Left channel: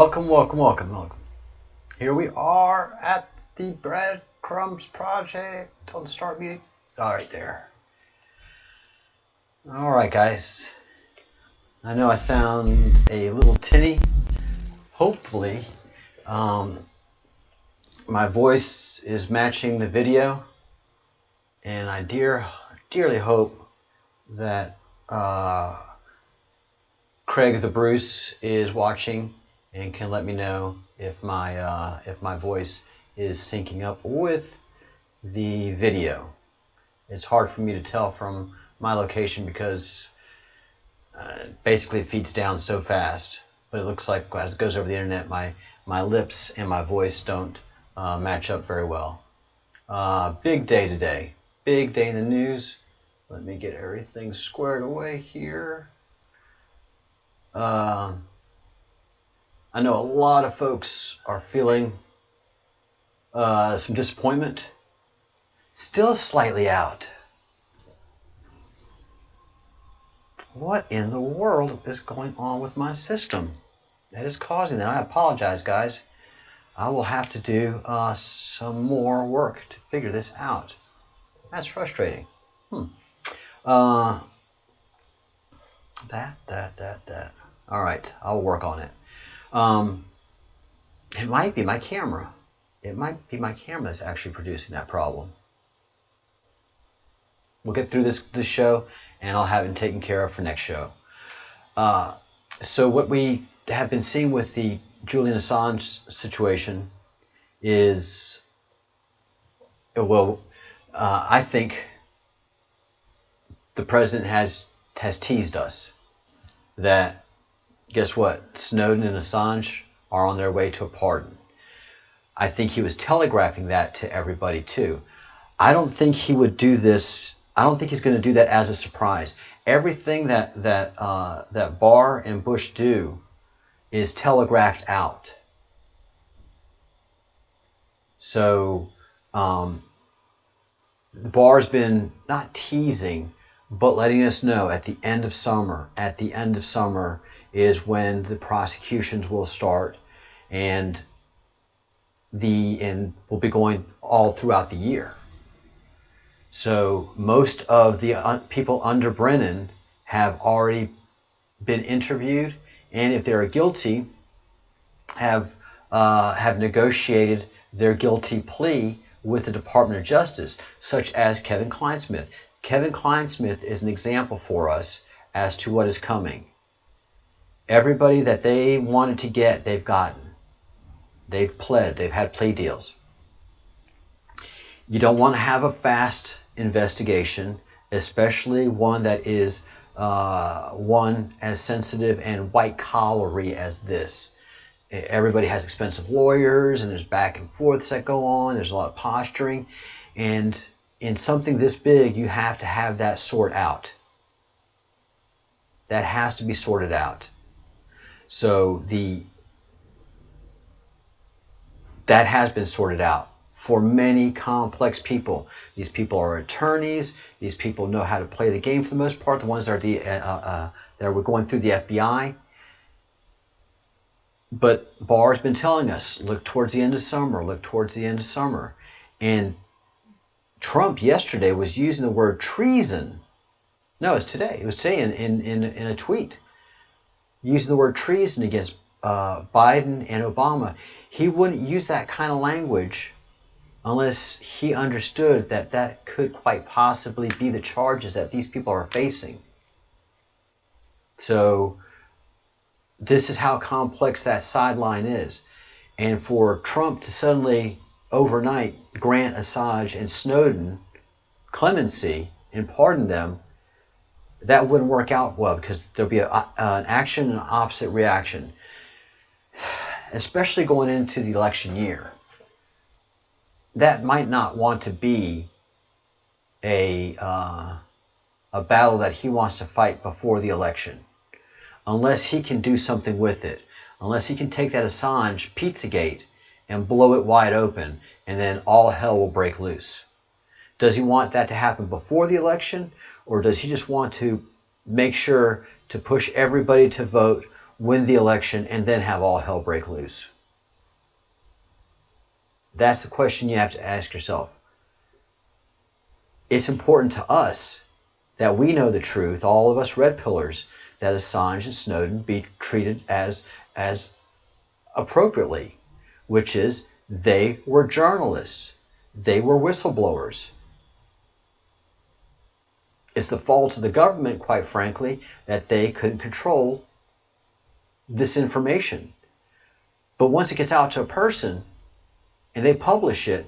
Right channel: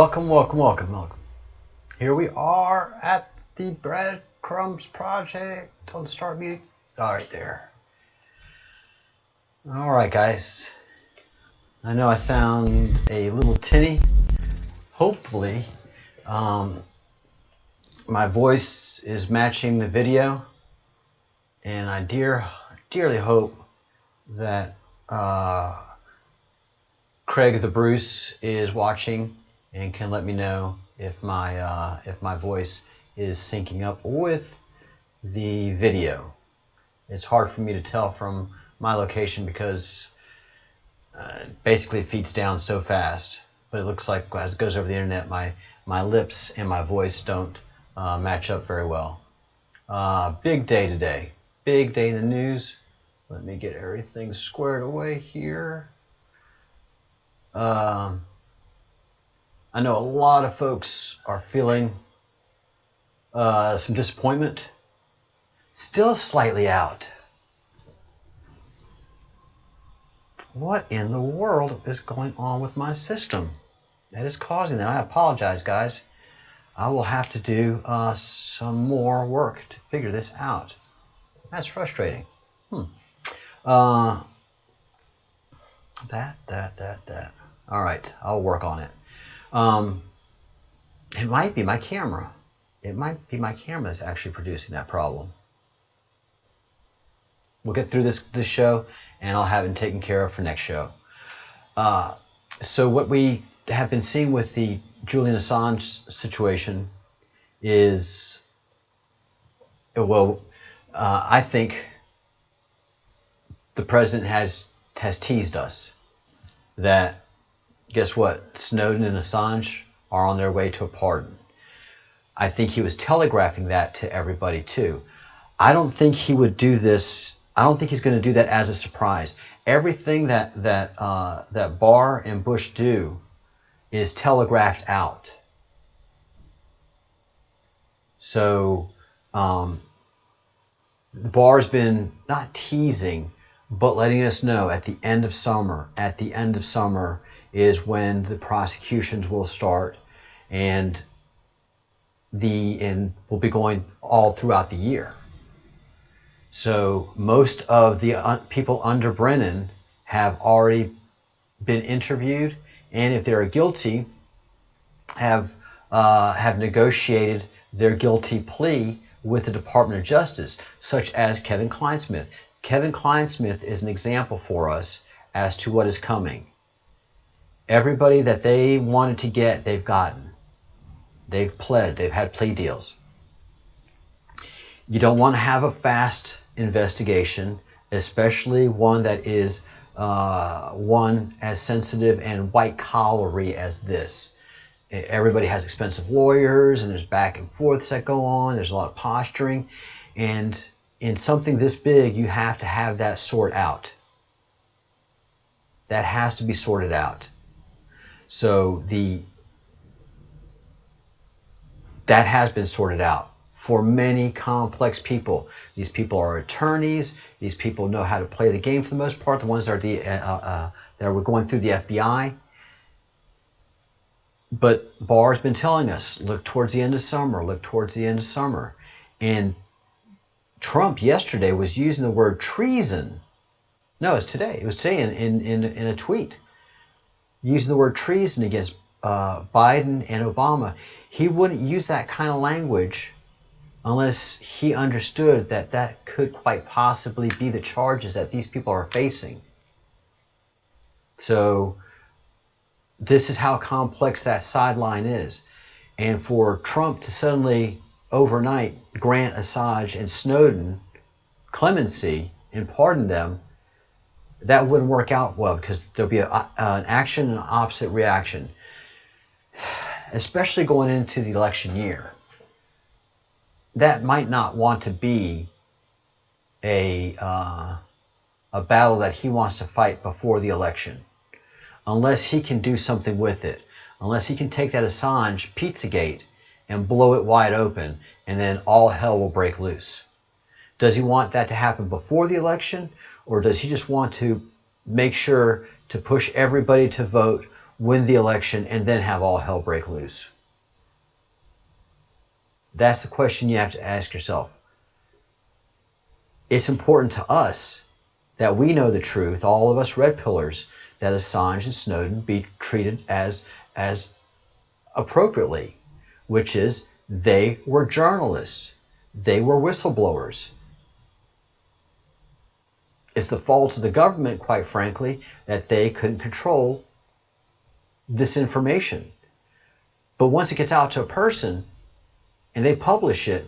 Welcome. Here we are at the Breadcrumbs project on the start meeting. All right, there. All right, guys. I know I sound a little tinny. Hopefully, my voice is matching the video, and I dearly hope that Craig the Bruce is watching and can let me know if my voice is syncing up with the video. It's hard for me to tell from my location because basically it feeds down so fast. But it looks like as it goes over the internet, my lips and my voice don't match up very well. Big day today. Big day in the news. Let me get everything squared away here. I know a lot of folks are feeling some disappointment. Still slightly out. What in the world is going on with my system that is causing that? I apologize, guys. I will have to do some more work to figure this out. That's frustrating. That. All right, I'll work on it. It might be my camera. It might be my camera that's actually producing that problem. We'll get through this show, and I'll have it taken care of for next show. So what we have been seeing with the Julian Assange situation is, I think the president has teased us that, guess what? Snowden and Assange are on their way to a pardon. I think he was telegraphing that to everybody too. I don't think he would do this. I don't think he's going to do that as a surprise. Everything that Barr and Bush do is telegraphed out. So Barr's been not teasing, but letting us know at the end of summer is when the prosecutions will start, and will be going all throughout the year. So most of the people under Brennan have already been interviewed, and if they are guilty, have negotiated their guilty plea with the Department of Justice, such as Kevin Clinesmith. Kevin Clinesmith is an example for us as to what is coming. Everybody that they wanted to get, they've gotten. They've pled. They've had plea deals. You don't want to have a fast investigation, especially one that is one as sensitive and white-collary as this. Everybody has expensive lawyers, and there's back and forths that go on. There's a lot of posturing. And in something this big, you have to have that sort out. That has to be sorted out. So that has been sorted out for many complex people. These people are attorneys. These people know how to play the game for the most part. The ones that are that were going through the FBI. But Barr's been telling us, look towards the end of summer. Look towards the end of summer. And Trump yesterday was using the word treason. No, it's today. It was today in a tweet. Using the word treason against Biden and Obama. He wouldn't use that kind of language unless he understood that that could quite possibly be the charges that these people are facing. So this is how complex that sideline is. And for Trump to suddenly overnight grant Assange and Snowden clemency and pardon them, that wouldn't work out well, because there'll be an action and an opposite reaction, especially going into the election year. That might not want to be a battle that he wants to fight before the election, unless he can do something with it, unless he can take that Assange Pizzagate and blow it wide open, and then all hell will break loose. Does he want that to happen before the election, or does he just want to make sure to push everybody to vote win the election, and then have all hell break loose? That's the question you have to ask yourself. It's important to us that we know the truth, all of us red pillars, that Assange and Snowden be treated as appropriately, which is they were journalists. They were whistleblowers. It's the fault of the government, quite frankly, that they couldn't control this information. But once it gets out to a person and they publish it,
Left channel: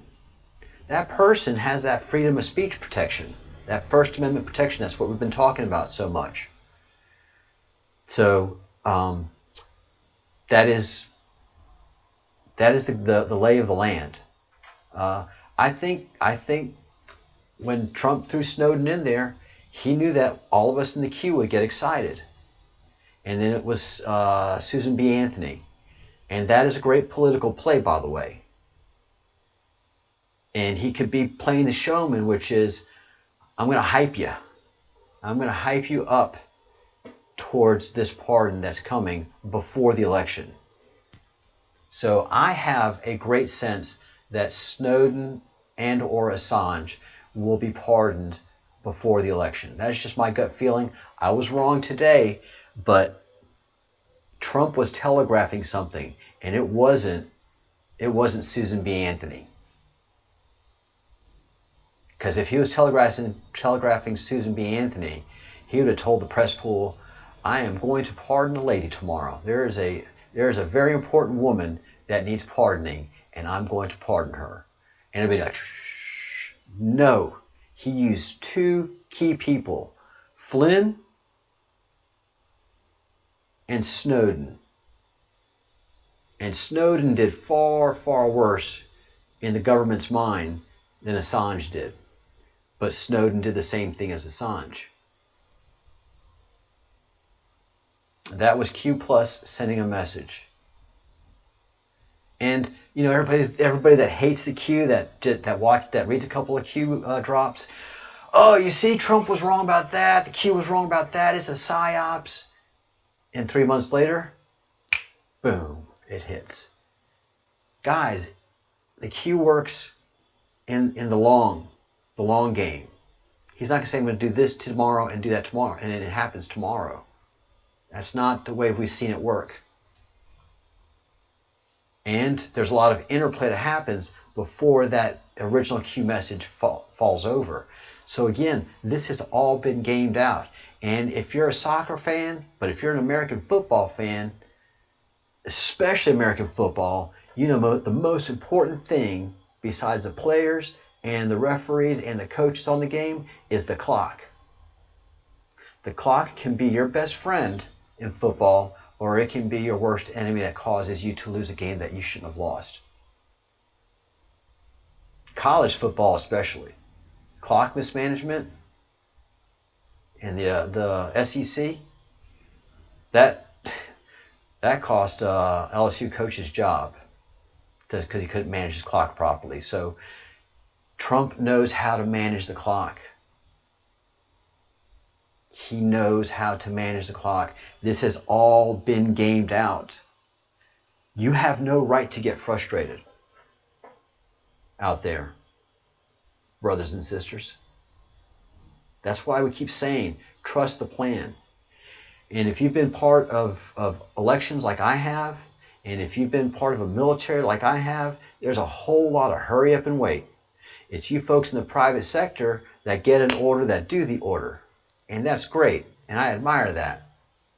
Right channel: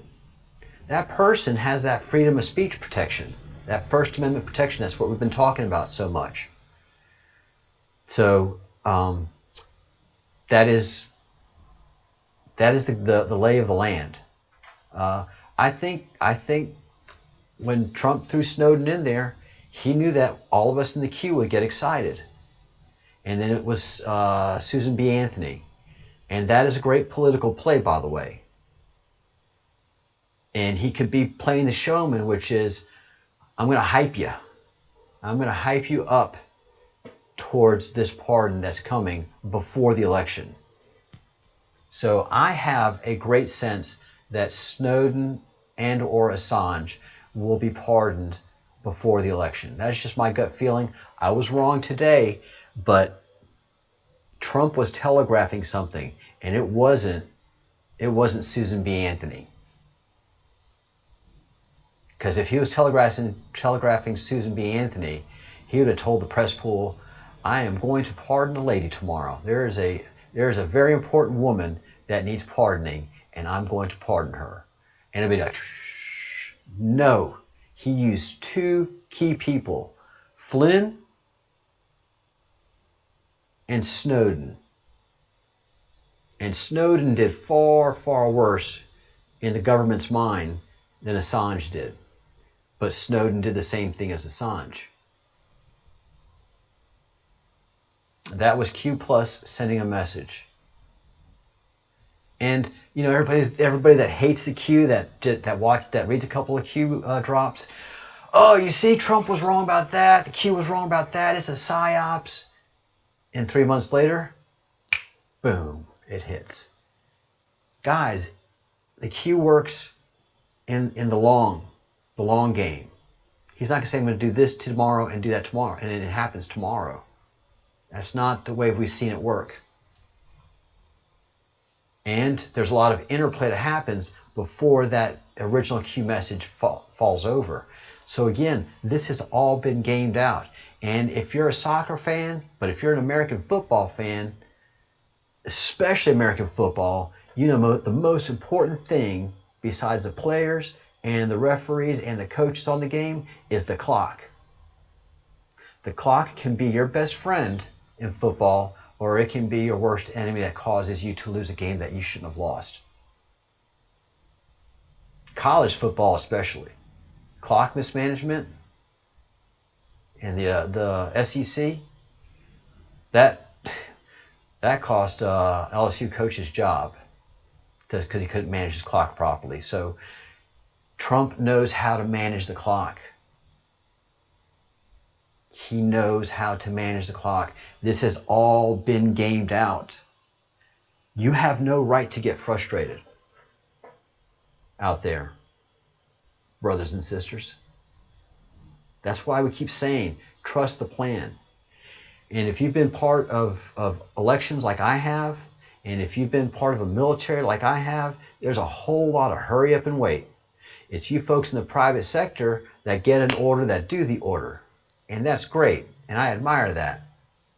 that person has that freedom of speech protection, that First Amendment protection. That's what we've been talking about so much. So that is the lay of the land. I think when Trump threw Snowden in there, he knew that all of us in the queue would get excited. And then it was Susan B. Anthony. And that is a great political play, by the way. And he could be playing the showman, which is, I'm going to hype you. I'm going to hype you up towards this pardon that's coming before the election. So I have a great sense that Snowden and or Assange will be pardoned before the election. That's just my gut feeling. I was wrong today, but Trump was telegraphing something, and it wasn't Susan B. Anthony. Because if he was telegraphing Susan B. Anthony, he would have told the press pool, I am going to pardon a lady tomorrow. There is a very important woman that needs pardoning, and I'm going to pardon her. And it'd be like, shh. No. He used two key people, Flynn and Snowden. And Snowden did far, far worse in the government's mind than Assange did. But Snowden did the same thing as Assange. That was Q Plus sending a message. And you know, everybody that hates the Q, that reads a couple of Q drops. Oh, you see, Trump was wrong about that. The Q was wrong about that. It's a psyops. And 3 months later, boom, it hits. Guys, the Q works in the long game. He's not going to say, I'm going to do this tomorrow and do that tomorrow, and it happens tomorrow. That's not the way we've seen it work. And there's a lot of interplay that happens before that original Q message falls over. So again, this has all been gamed out. And if you're a soccer fan, but if you're an American football fan, especially American football, you know the most important thing besides the players and the referees and the coaches on the game is the clock. The clock can be your best friend in football, or it can be your worst enemy that causes you to lose a game that you shouldn't have lost. College football especially. Clock mismanagement and the SEC, that cost LSU coach his job because he couldn't manage his clock properly. So Trump knows how to manage the clock. He knows how to manage the clock. This has all been gamed out. You have no right to get frustrated out there, brothers and sisters. That's why we keep saying, trust the plan. And if you've been part of elections like I have, and if you've been part of a military like I have, there's a whole lot of hurry up and wait. It's you folks in the private sector that get an order that do the order. And that's great, and I admire that.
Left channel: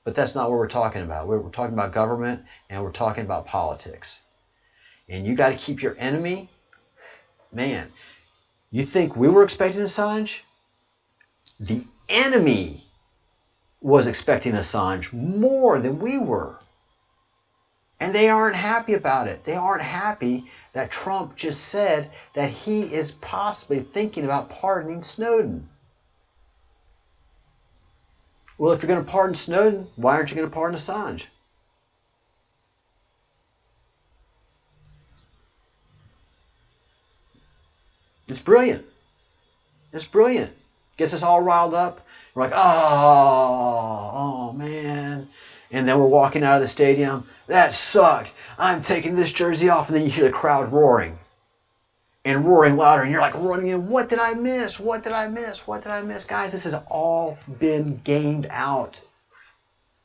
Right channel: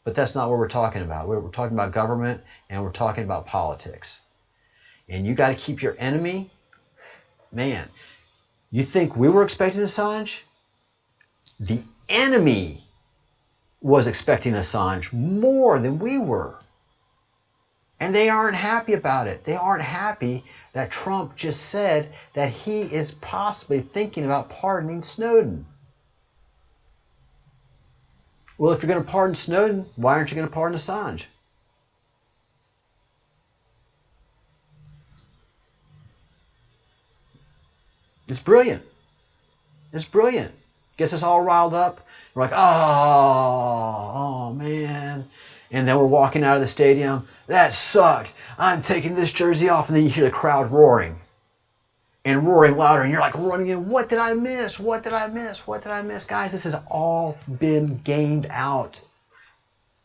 But that's not what we're talking about. We're talking about government, and we're talking about politics. And you got to keep your enemy. Man, you think we were expecting Assange? The enemy was expecting Assange more than we were. And they aren't happy about it. They aren't happy that Trump just said that he is possibly thinking about pardoning Snowden. Well, if you're going to pardon Snowden, why aren't you going to pardon Assange? It's brilliant. It's brilliant. Gets us all riled up. We're like, oh man. And then we're walking out of the stadium. That sucked. I'm taking this jersey off. And then you hear the crowd roaring. And roaring louder. And you're like running in. What did I miss? What did I miss? What did I miss? Guys, this has all been gamed out.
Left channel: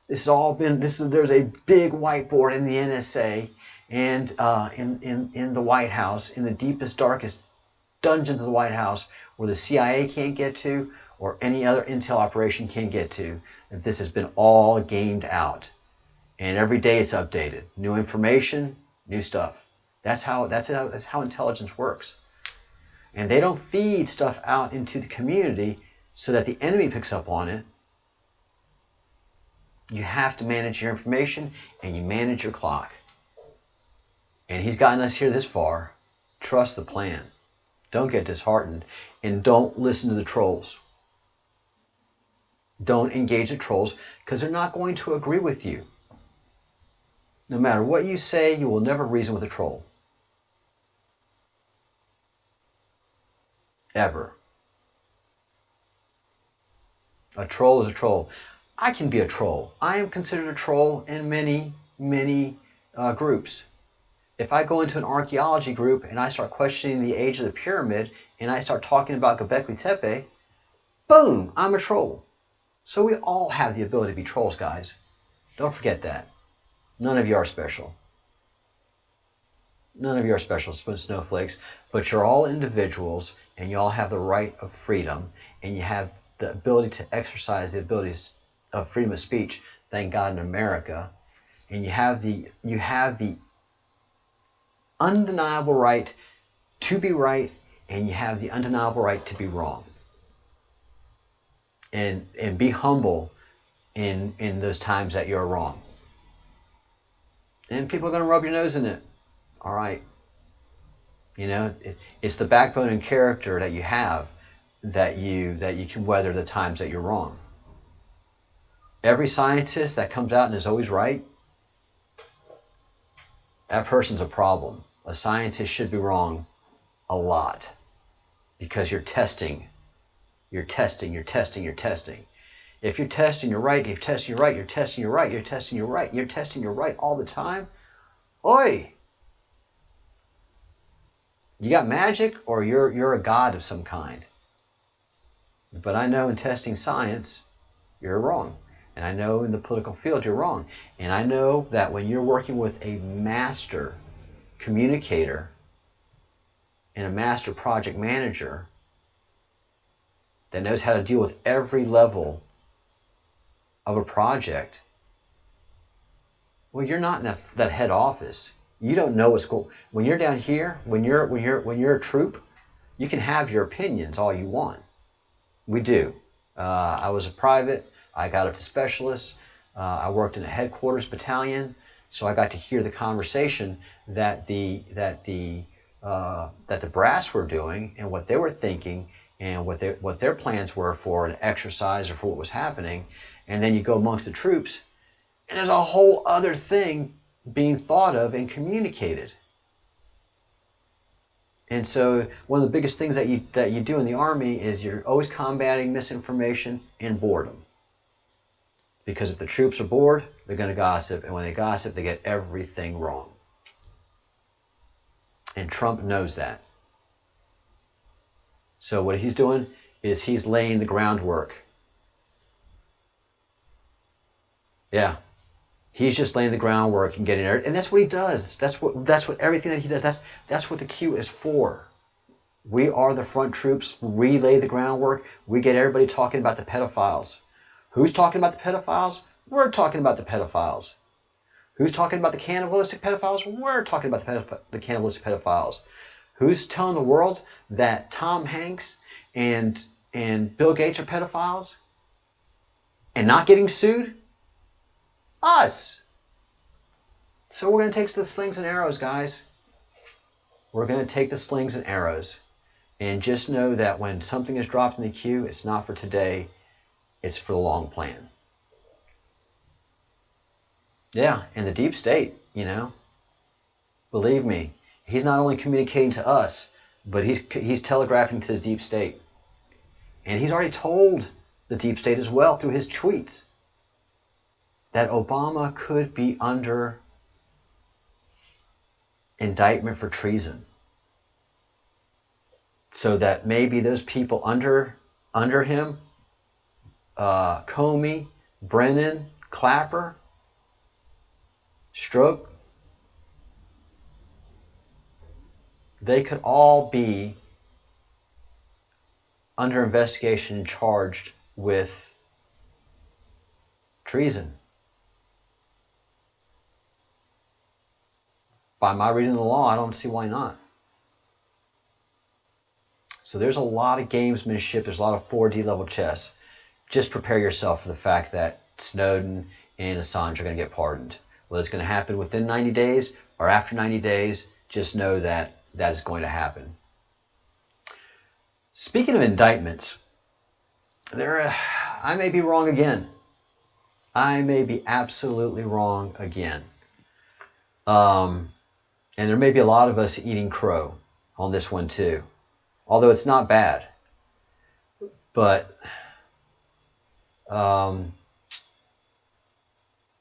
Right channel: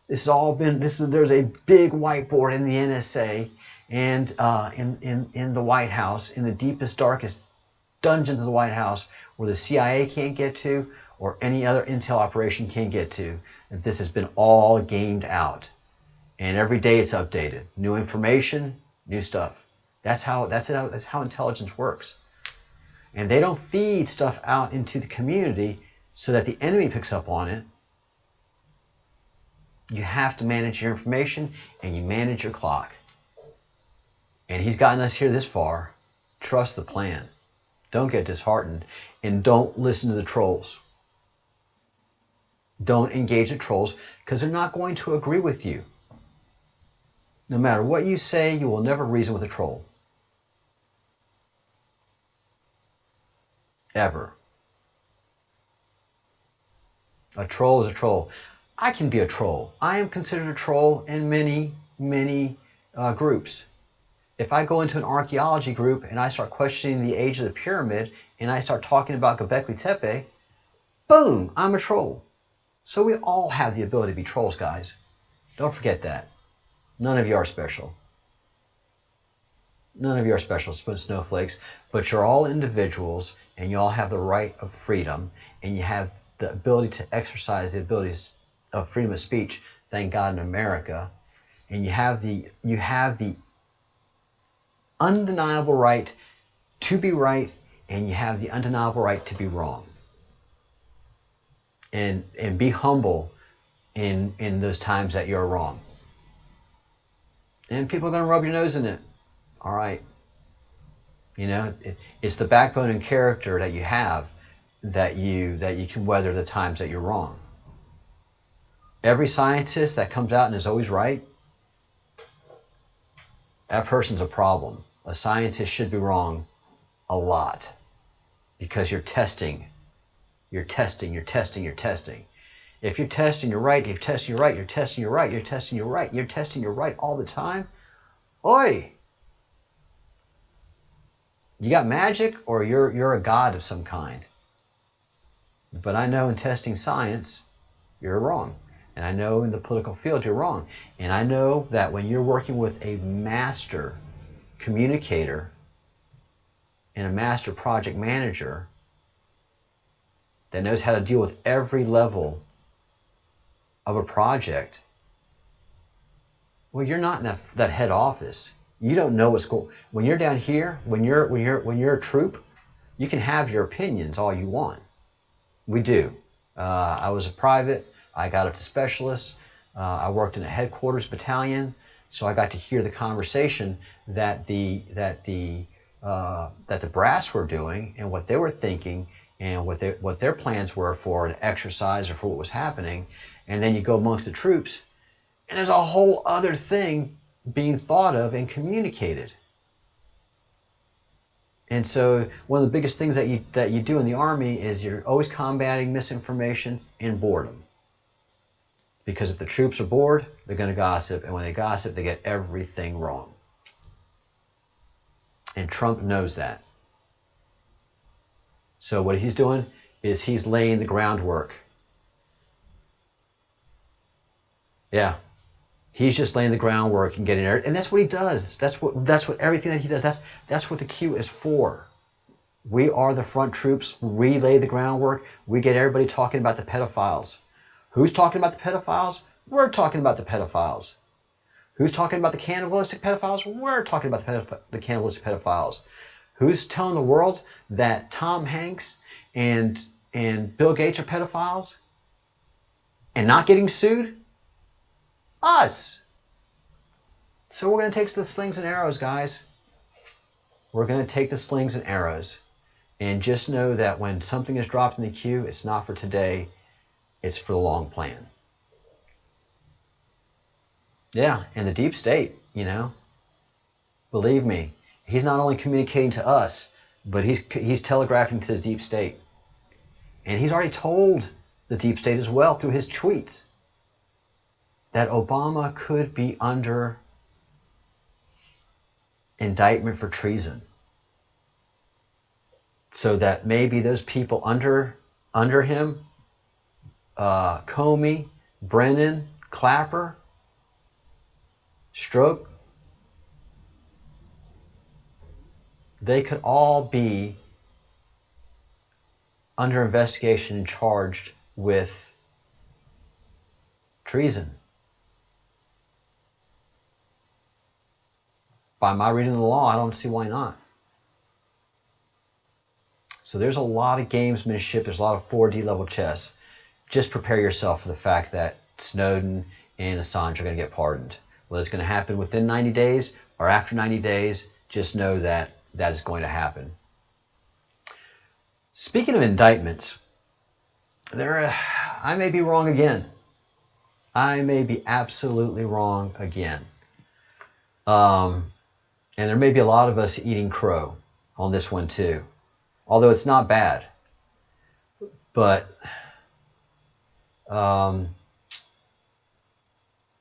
This has all been, there's a big whiteboard in the NSA and in the White House, in the deepest, darkest dungeons of the White House, where the CIA can't get to or any other intel operation can't get to. And this has been all gamed out. And every day it's updated. New information, new stuff. That's how intelligence works. And they don't feed stuff out into the community so that the enemy picks up on it. You have to manage your information and you manage your clock. And he's gotten us here this far. Trust the plan. Don't get disheartened. And don't listen to the trolls. Don't engage the trolls because they're not going to agree with you. No matter what you say, you will never reason with a troll. Ever. A troll is a troll. I can be a troll. I am considered a troll in many, many groups. If I go into an archaeology group and I start questioning the age of the pyramid and I start talking about Göbekli Tepe, boom, I'm a troll. So we all have the ability to be trolls, guys. Don't forget that. None of you are special. None of you are special, snowflakes, but you're all individuals and you all have the right of freedom and you have the ability to exercise the abilities of freedom of speech, thank God, in America. And you have the undeniable right to be right, and you have the undeniable right to be wrong. And be humble in those times that you're wrong. And people are going to rub your nose in it. All right. You know, it's the backbone and character that you have that you can weather the times that you're wrong. Every scientist that comes out and is always right, that person's a problem. A scientist should be wrong a lot because you're testing. You're testing. If you're testing, you're right. If you're testing, you're right. You're testing, you're right. You're testing, you're right. You're testing, you're right all the time. Oi! You got magic or you're a god of some kind. But I know in testing science, you're wrong. And I know in the political field you're wrong. And I know that when you're working with a master communicator and a master project manager that knows how to deal with every level of a project, well, you're not in that head office. You don't know what's going on. When you're down here, when you're a troop, you can have your opinions all you want. We do. I was a private. I got up to specialist. I worked in a headquarters battalion, so I got to hear the conversation that the brass were doing and what they were thinking and what their plans were for an exercise or for what was happening. And then you go amongst the troops, and there's a whole other thing being thought of and communicated. And so one of the biggest things that you do in the Army is you're always combating misinformation and boredom. Because if the troops are bored, they're going to gossip. And when they gossip, they get everything wrong. And Trump knows that. So what he's doing is he's laying the groundwork. Yeah. He's just laying the groundwork and getting there. And that's what he does. That's what everything that he does, that's what the Q is for. We are the front troops. We lay the groundwork. We get everybody talking about the pedophiles. Who's talking about the pedophiles? We're talking about the pedophiles. Who's talking about the cannibalistic pedophiles? We're talking about the cannibalistic pedophiles. Who's telling the world that Tom Hanks and Bill Gates are pedophiles and not getting sued? Us. So we're going to take the slings and arrows, guys. We're going to take the slings and arrows. And just know that when something is dropped in the queue, it's not for today. It's for the long plan. Yeah, and the deep state, you know. Believe me, he's not only communicating to us, but he's telegraphing to the deep state. And he's already told the deep state as well through his tweets. that Obama could be under indictment for treason. So that maybe those people under him, Comey, Brennan, Clapper, Strzok, they could all be under investigation and charged with treason. By my reading of the law, I don't see why not. So there's a lot of gamesmanship. There's a lot of 4D level chess. Just prepare yourself for the fact that Snowden and Assange are going to get pardoned. Whether it's going to happen within 90 days or after 90 days, just know that that is going to happen. Speaking of indictments, I may be wrong again. I may be absolutely wrong again. And there may be a lot of us eating crow on this one too. Although it's not bad. But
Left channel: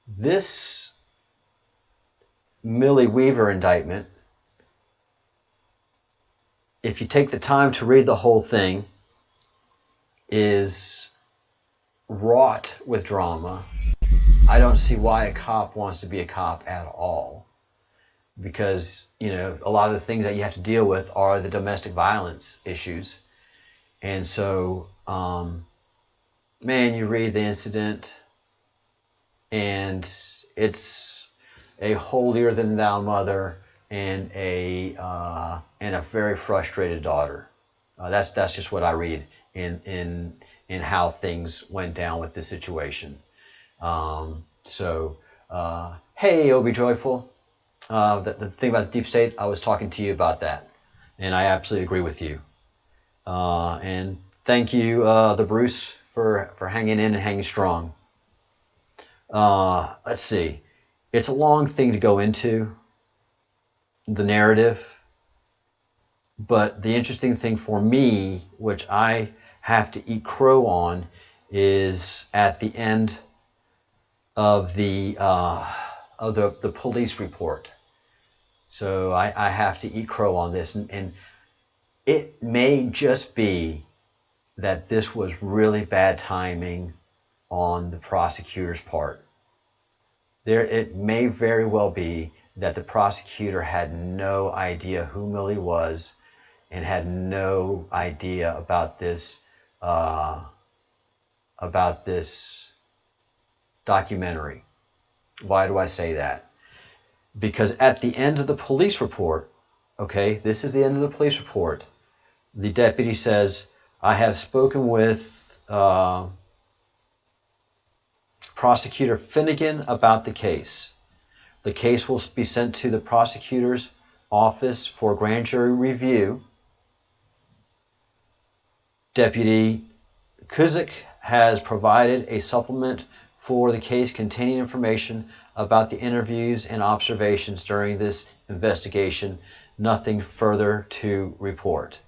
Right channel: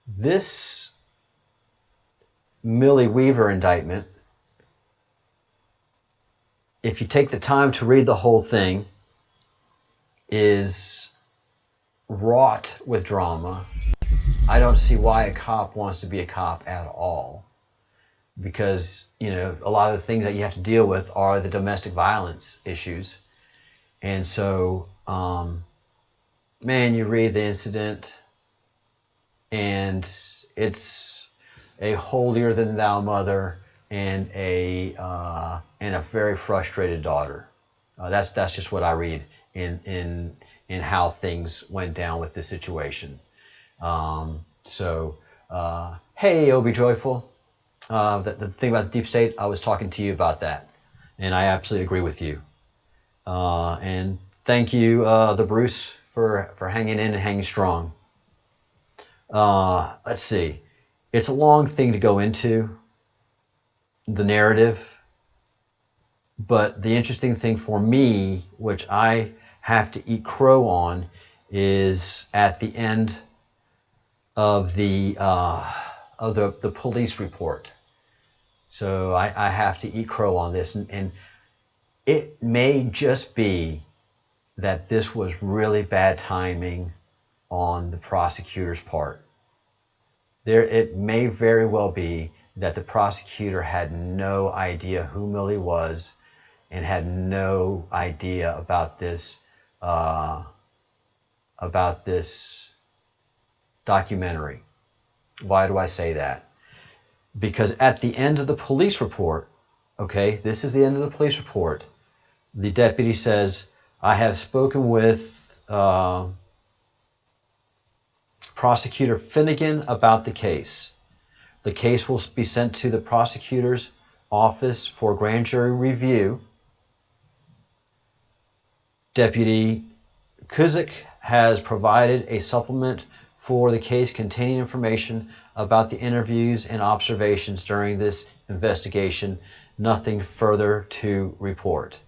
this Millie Weaver indictment, if you take the time to read the whole thing, is wrought with drama. I don't see why a cop wants to be a cop at all. Because, you know, a lot of the things that you have to deal with are the domestic violence issues. And so, man, you read the incident and it's a holier-than-thou mother and a very frustrated daughter. That's just what I read in how things went down with this situation. Hey, Obi Joyful. The thing about the deep state, I was talking to you about that, and I absolutely agree with you. And thank you, the Bruce, for hanging in and hanging strong. Let's see. It's a long thing to go into, the narrative, but the interesting thing for me, which I have to eat crow on, is at the end of the police report. So I have to eat crow on this, and it may just be that this was really bad timing on the prosecutor's part. It may very well be that the prosecutor had no idea who Millie was and had no idea about this documentary. Why do I say that? Because at the end of the police report, okay, this is the end of the police report, the deputy says, I have spoken with Prosecutor Finnegan about the case. The case will be sent to the prosecutor's office for grand jury review. Deputy Kuzik has provided a supplement for the case containing information about the interviews and observations during this investigation. Nothing further to report.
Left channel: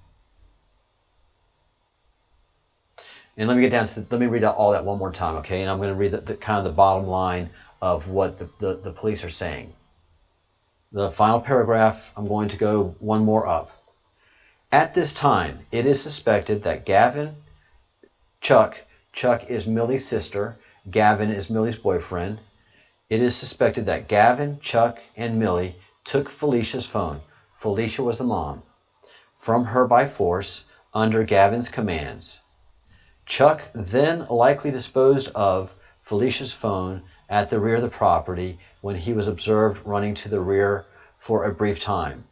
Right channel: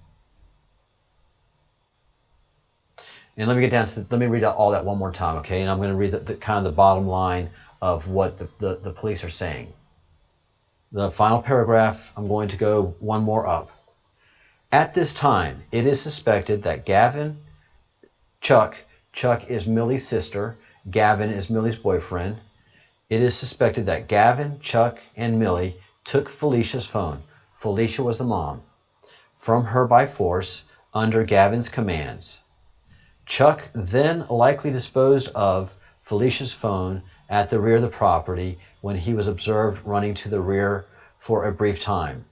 And let me read out all that one more time, okay? And I'm going to read the kind of the bottom line of what the police are saying. The final paragraph, I'm going to go one more up. At this time, it is suspected that Chuck is Millie's sister, Gavin is Millie's boyfriend. It is suspected that Gavin, Chuck, and Millie took Felicia's phone, Felicia was the mom, from her by force under Gavin's commands. Chuck then likely disposed of Felicia's phone at the rear of the property when he was observed running to the rear for a brief time.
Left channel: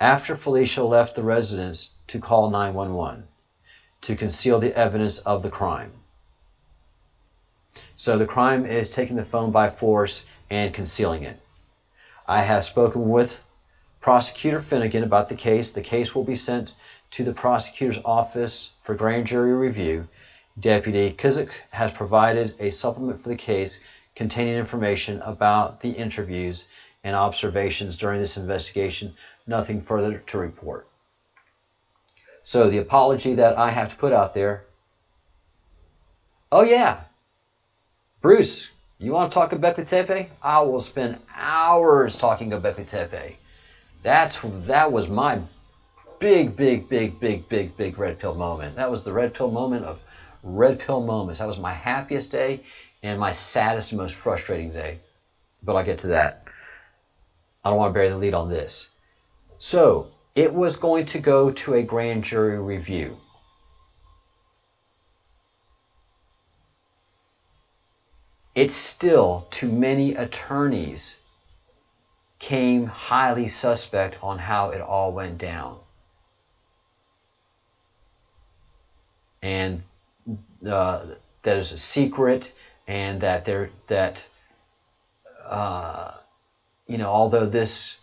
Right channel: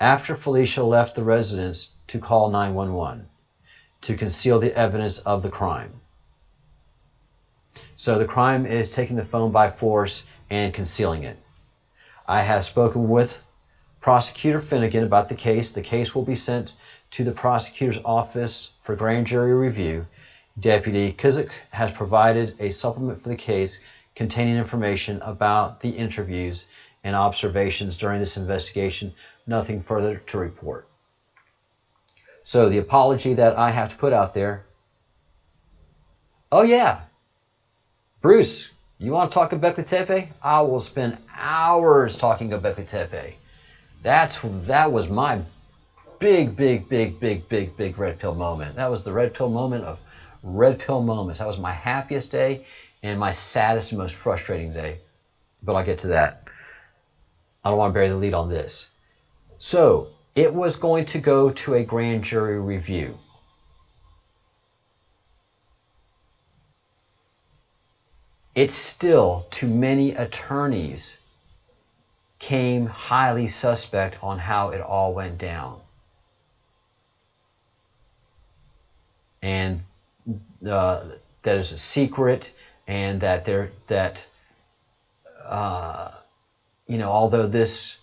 After Felicia left the residence to call 911 to conceal the evidence of the crime. So the crime is taking the phone by force and concealing it. I have spoken with Prosecutor Finnegan about the case. The case will be sent to the prosecutor's office for grand jury review. Deputy Kuzik has provided a supplement for the case containing information about the interviews and observations during this investigation. Nothing further to report. So the apology that I have to put out there. Oh yeah, Bruce, You want to talk Göbekli Tepe? I will spend hours talking Göbekli Tepe. That was my big red pill moment. That was the red pill moment of red pill moments. That was my happiest day and my saddest and most frustrating day. But I'll get to that. I don't want to bury the lead on this. So it was going to go to a grand jury review. It's still, to many attorneys, came highly suspect on how it all went down. And that is a secret, and that although this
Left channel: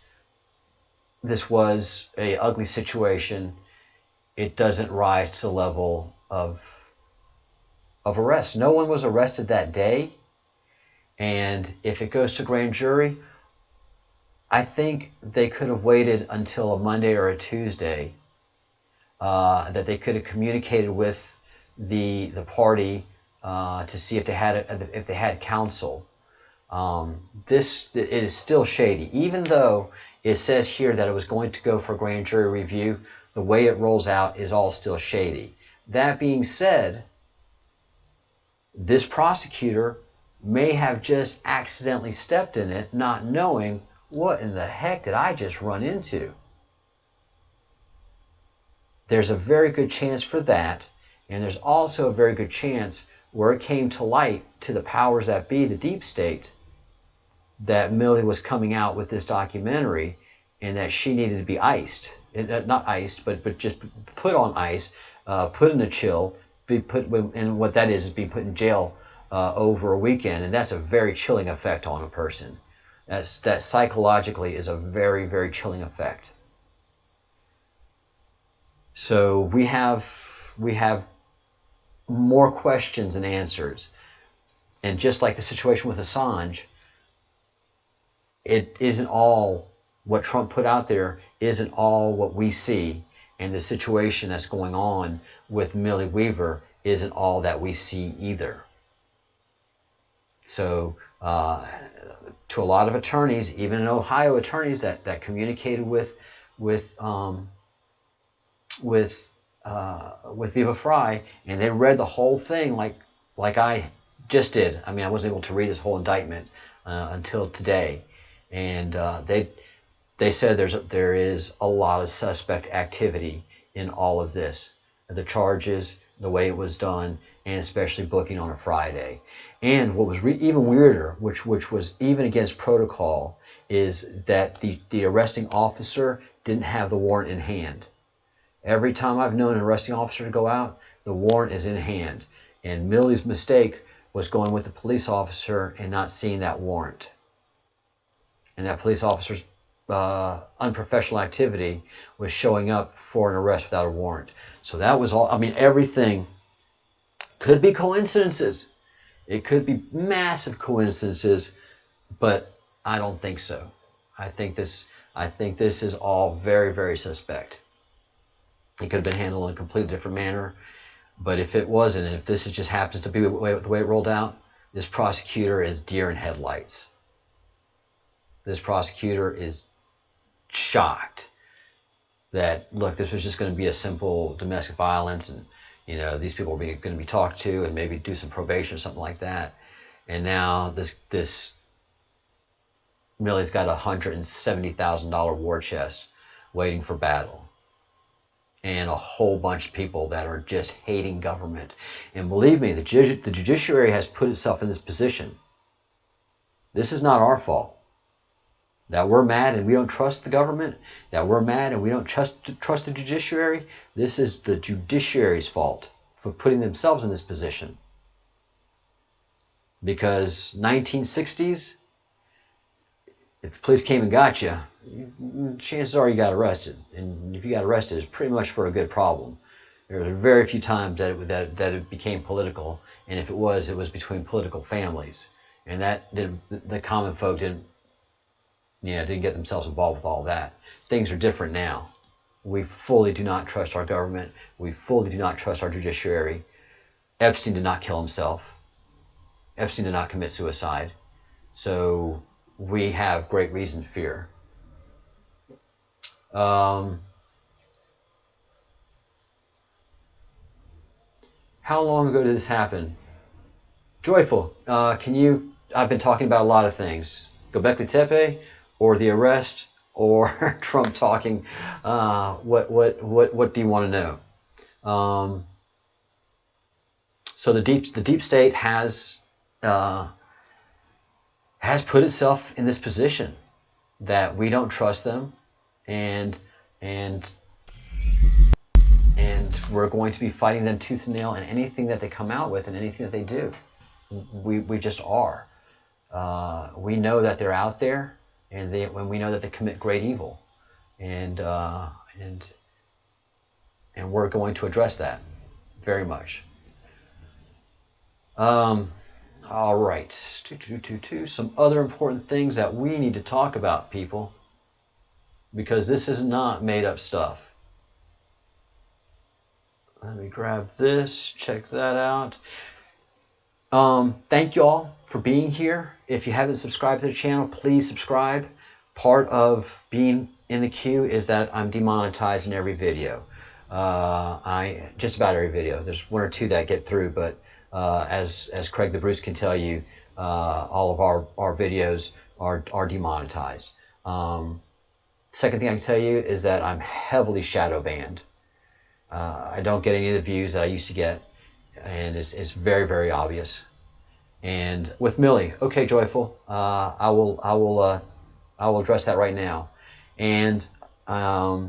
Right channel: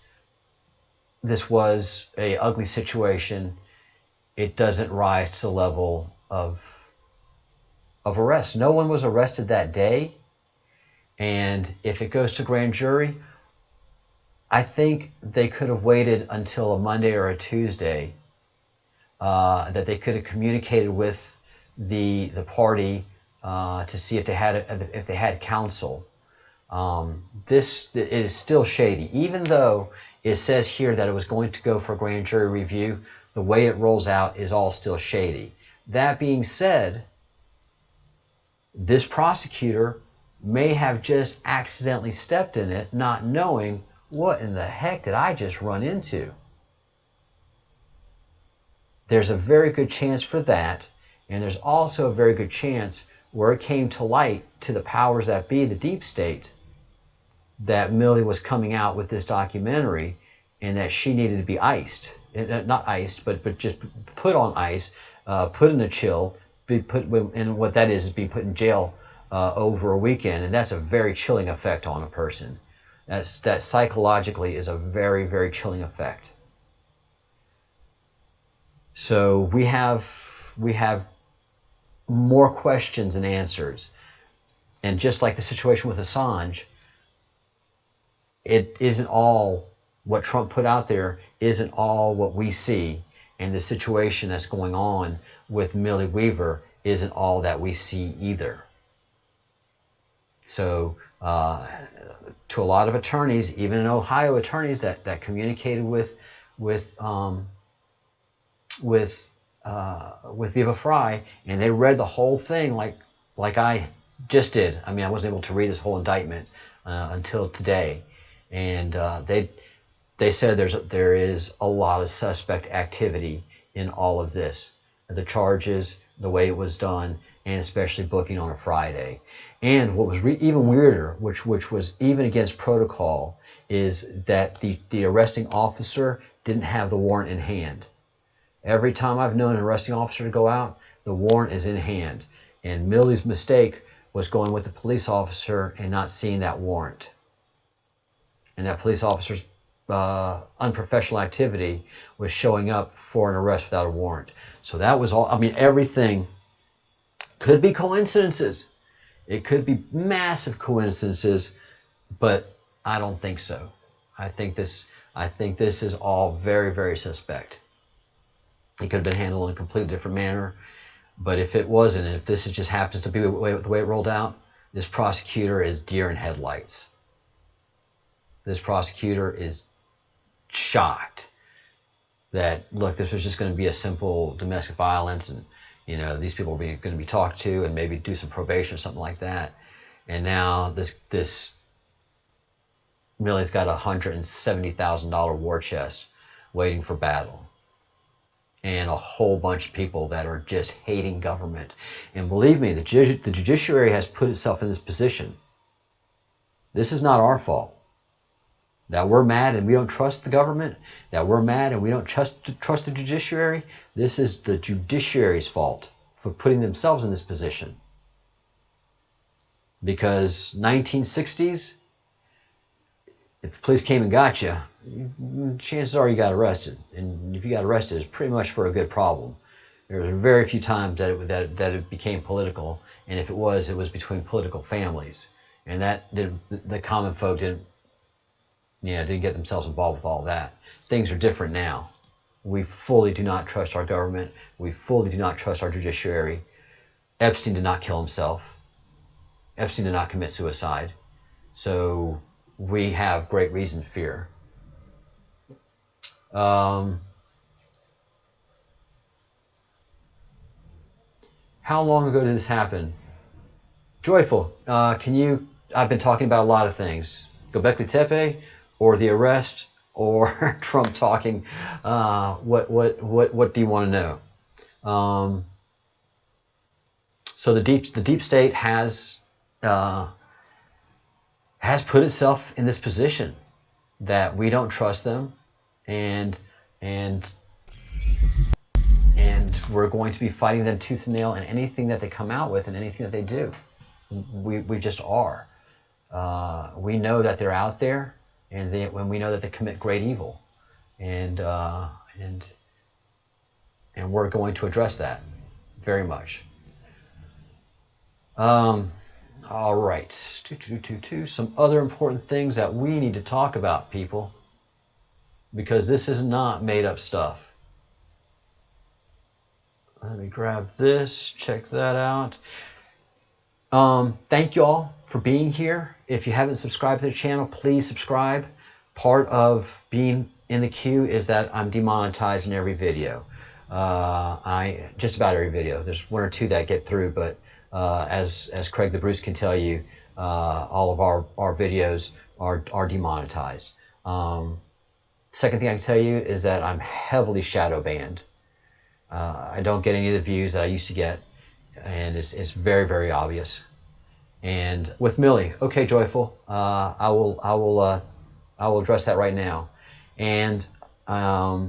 was a ugly situation, it doesn't rise to the level of arrest. No one was arrested that day. And if it goes to grand jury, I think they could have waited until a Monday or a Tuesday, that they could have communicated with the party to see if they had counsel. It is still shady, even though it says here that it was going to go for grand jury review. The way it rolls out is all still shady. That being said, this prosecutor may have just accidentally stepped in it, not knowing, what in the heck did I just run into? There's a very good chance for that, and there's also a very good chance where it came to light to the powers that be, the deep state, that Millie was coming out with this documentary and that she needed to be iced. Not iced, but just put on ice, put in a chill, and what that is being put in jail over a weekend, and that's a very chilling effect on a person. That psychologically is a very, very chilling effect. So we have more questions than answers, and just like the situation with Assange, it isn't all what Trump put out there, isn't all what we see, and the situation that's going on with Millie Weaver isn't all that we see either. So to a lot of attorneys, even in Ohio, attorneys that communicated with Viva Frei, and they read the whole thing like I just did. I mean, I wasn't able to read this whole indictment until today, and they said there is a lot of suspect activity in all of this, the charges, the way it was done, and especially booking on a Friday. And what was even weirder, which was even against protocol, is that the arresting officer didn't have the warrant in hand. Every time I've known an arresting officer to go out, the warrant is in hand. And Millie's mistake was going with the police officer and not seeing that warrant. And that police officer's unprofessional activity was showing up for an arrest without a warrant. So that was all. I mean, everything could be coincidences. It could be massive coincidences, but I don't think so. I think this is all very, very suspect. It could have been handled in a completely different manner, but if it wasn't, if this just happens to be the way it rolled out, this prosecutor is deer in headlights. This prosecutor is shocked that, look, this was just going to be a simple domestic violence, and these people are going to be talked to and maybe do some probation or something like that. And now this Millie's got a $170,000 war chest waiting for battle, and a whole bunch of people that are just hating government. And believe me, the judiciary has put itself in this position. This is not our fault. That we're mad and we don't trust the government, that we're mad and we don't trust the judiciary, this is the judiciary's fault for putting themselves in this position. Because 1960s, if the police came and got you, chances are you got arrested. And if you got arrested, it's pretty much for a good problem. There were very few times that it became political, and if it was between political families. And the common folk didn't get themselves involved with all that. Things are different now. We fully do not trust our government. We fully do not trust our judiciary. Epstein did not kill himself. Epstein did not commit suicide. So we have great reason to fear. How long ago did this happen? Joyful, I've been talking about a lot of things. Göbekli Tepe, or the arrest, or Trump talking. What do you want to know? So the deep state has put itself in this position that we don't trust them, and we're going to be fighting them tooth and nail in anything that they come out with and anything that they do. We just are. We know that they're out there, and when we know that they commit great evil, and we're going to address that very much. All right. Some other important things that we need to talk about, people, because this is not made up stuff. Let me grab this, check that out. Thank you all for being here. If you haven't subscribed to the channel, please subscribe. Part of being in the queue is that I'm demonetized in every video. Just about every video. There's one or two that get through, but as Craig the Bruce can tell you, all of our videos are demonetized. Second thing I can tell you is that I'm heavily shadow banned. I don't get any of the views that I used to get, and it's very, very obvious. And with Millie, okay, Joyful, I will address that right now. And the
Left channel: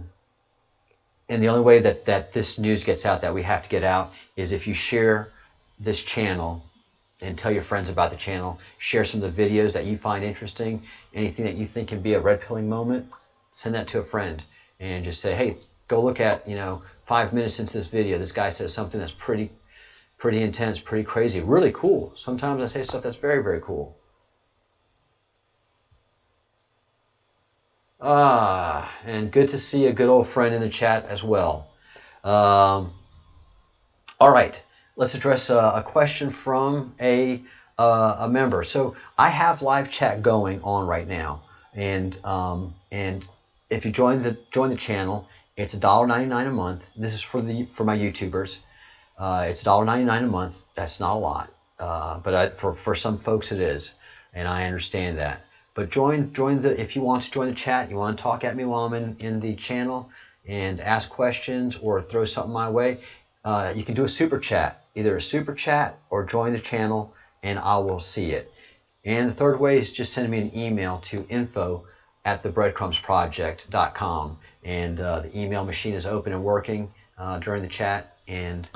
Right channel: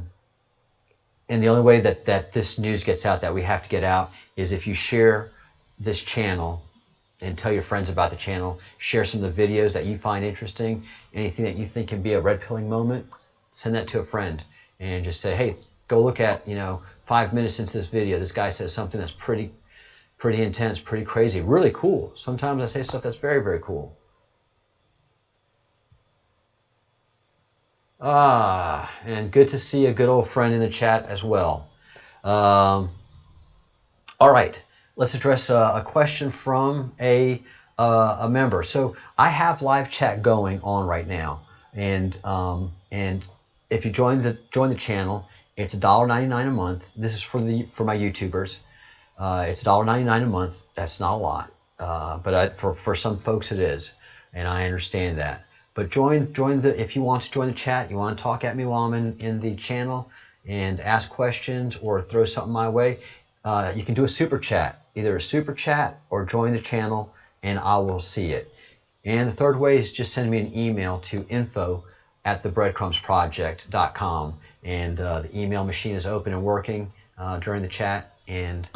only way that this news gets out, that we have to get out, is if you share this channel and tell your friends about the channel. Share some of the videos that you find interesting. Anything that you think can be a red pilling moment, send that to a friend and just say, hey, go look at, 5 minutes into this video, this guy says something that's pretty intense, pretty crazy, really cool. Sometimes I say stuff that's very, very cool. And good to see a good old friend in the chat as well. All right, let's address a question from a member. So I have live chat going on right now, and if you join the channel, it's $1.99 a month. This is for my YouTubers. It's $1.99 a month. That's not a lot, but for some folks it is, and I understand that. But if you want to join the chat, you want to talk at me while I'm in the channel and ask questions or throw something my way, you can do a super chat, either a super chat or join the channel, and I will see it. And the third way is just send me an email to info@thebreadcrumbsproject.com, and the email machine is open and working during the chat, and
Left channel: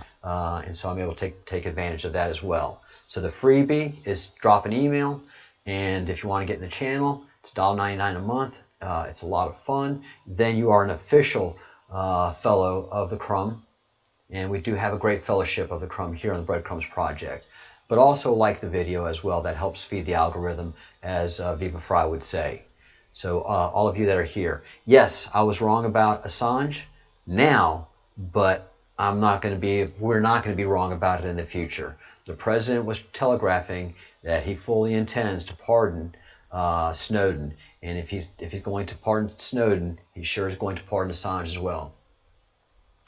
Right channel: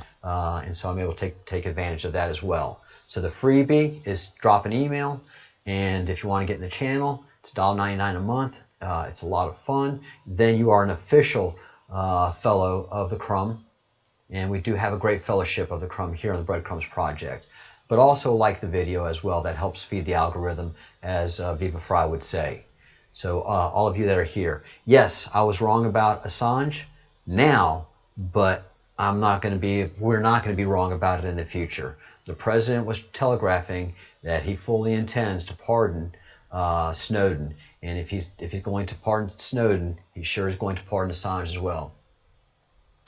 so I'm able to take advantage of that as well. So the freebie is drop an email, and if you want to get in the channel, it's $1.99 a month. It's a lot of fun. Then you are an official fellow of the Crumb, and we do have a great fellowship of the Crumb here on the Breadcrumbs Project. But also like the video as well. That helps feed the algorithm, as Viva Fry would say. So all of you that are here, yes, I was wrong about Assange now, but we're not going to be wrong about it in the future. The president was telegraphing that he fully intends to pardon Snowden, and if he's going to pardon Snowden, he sure is going to pardon Assange as well.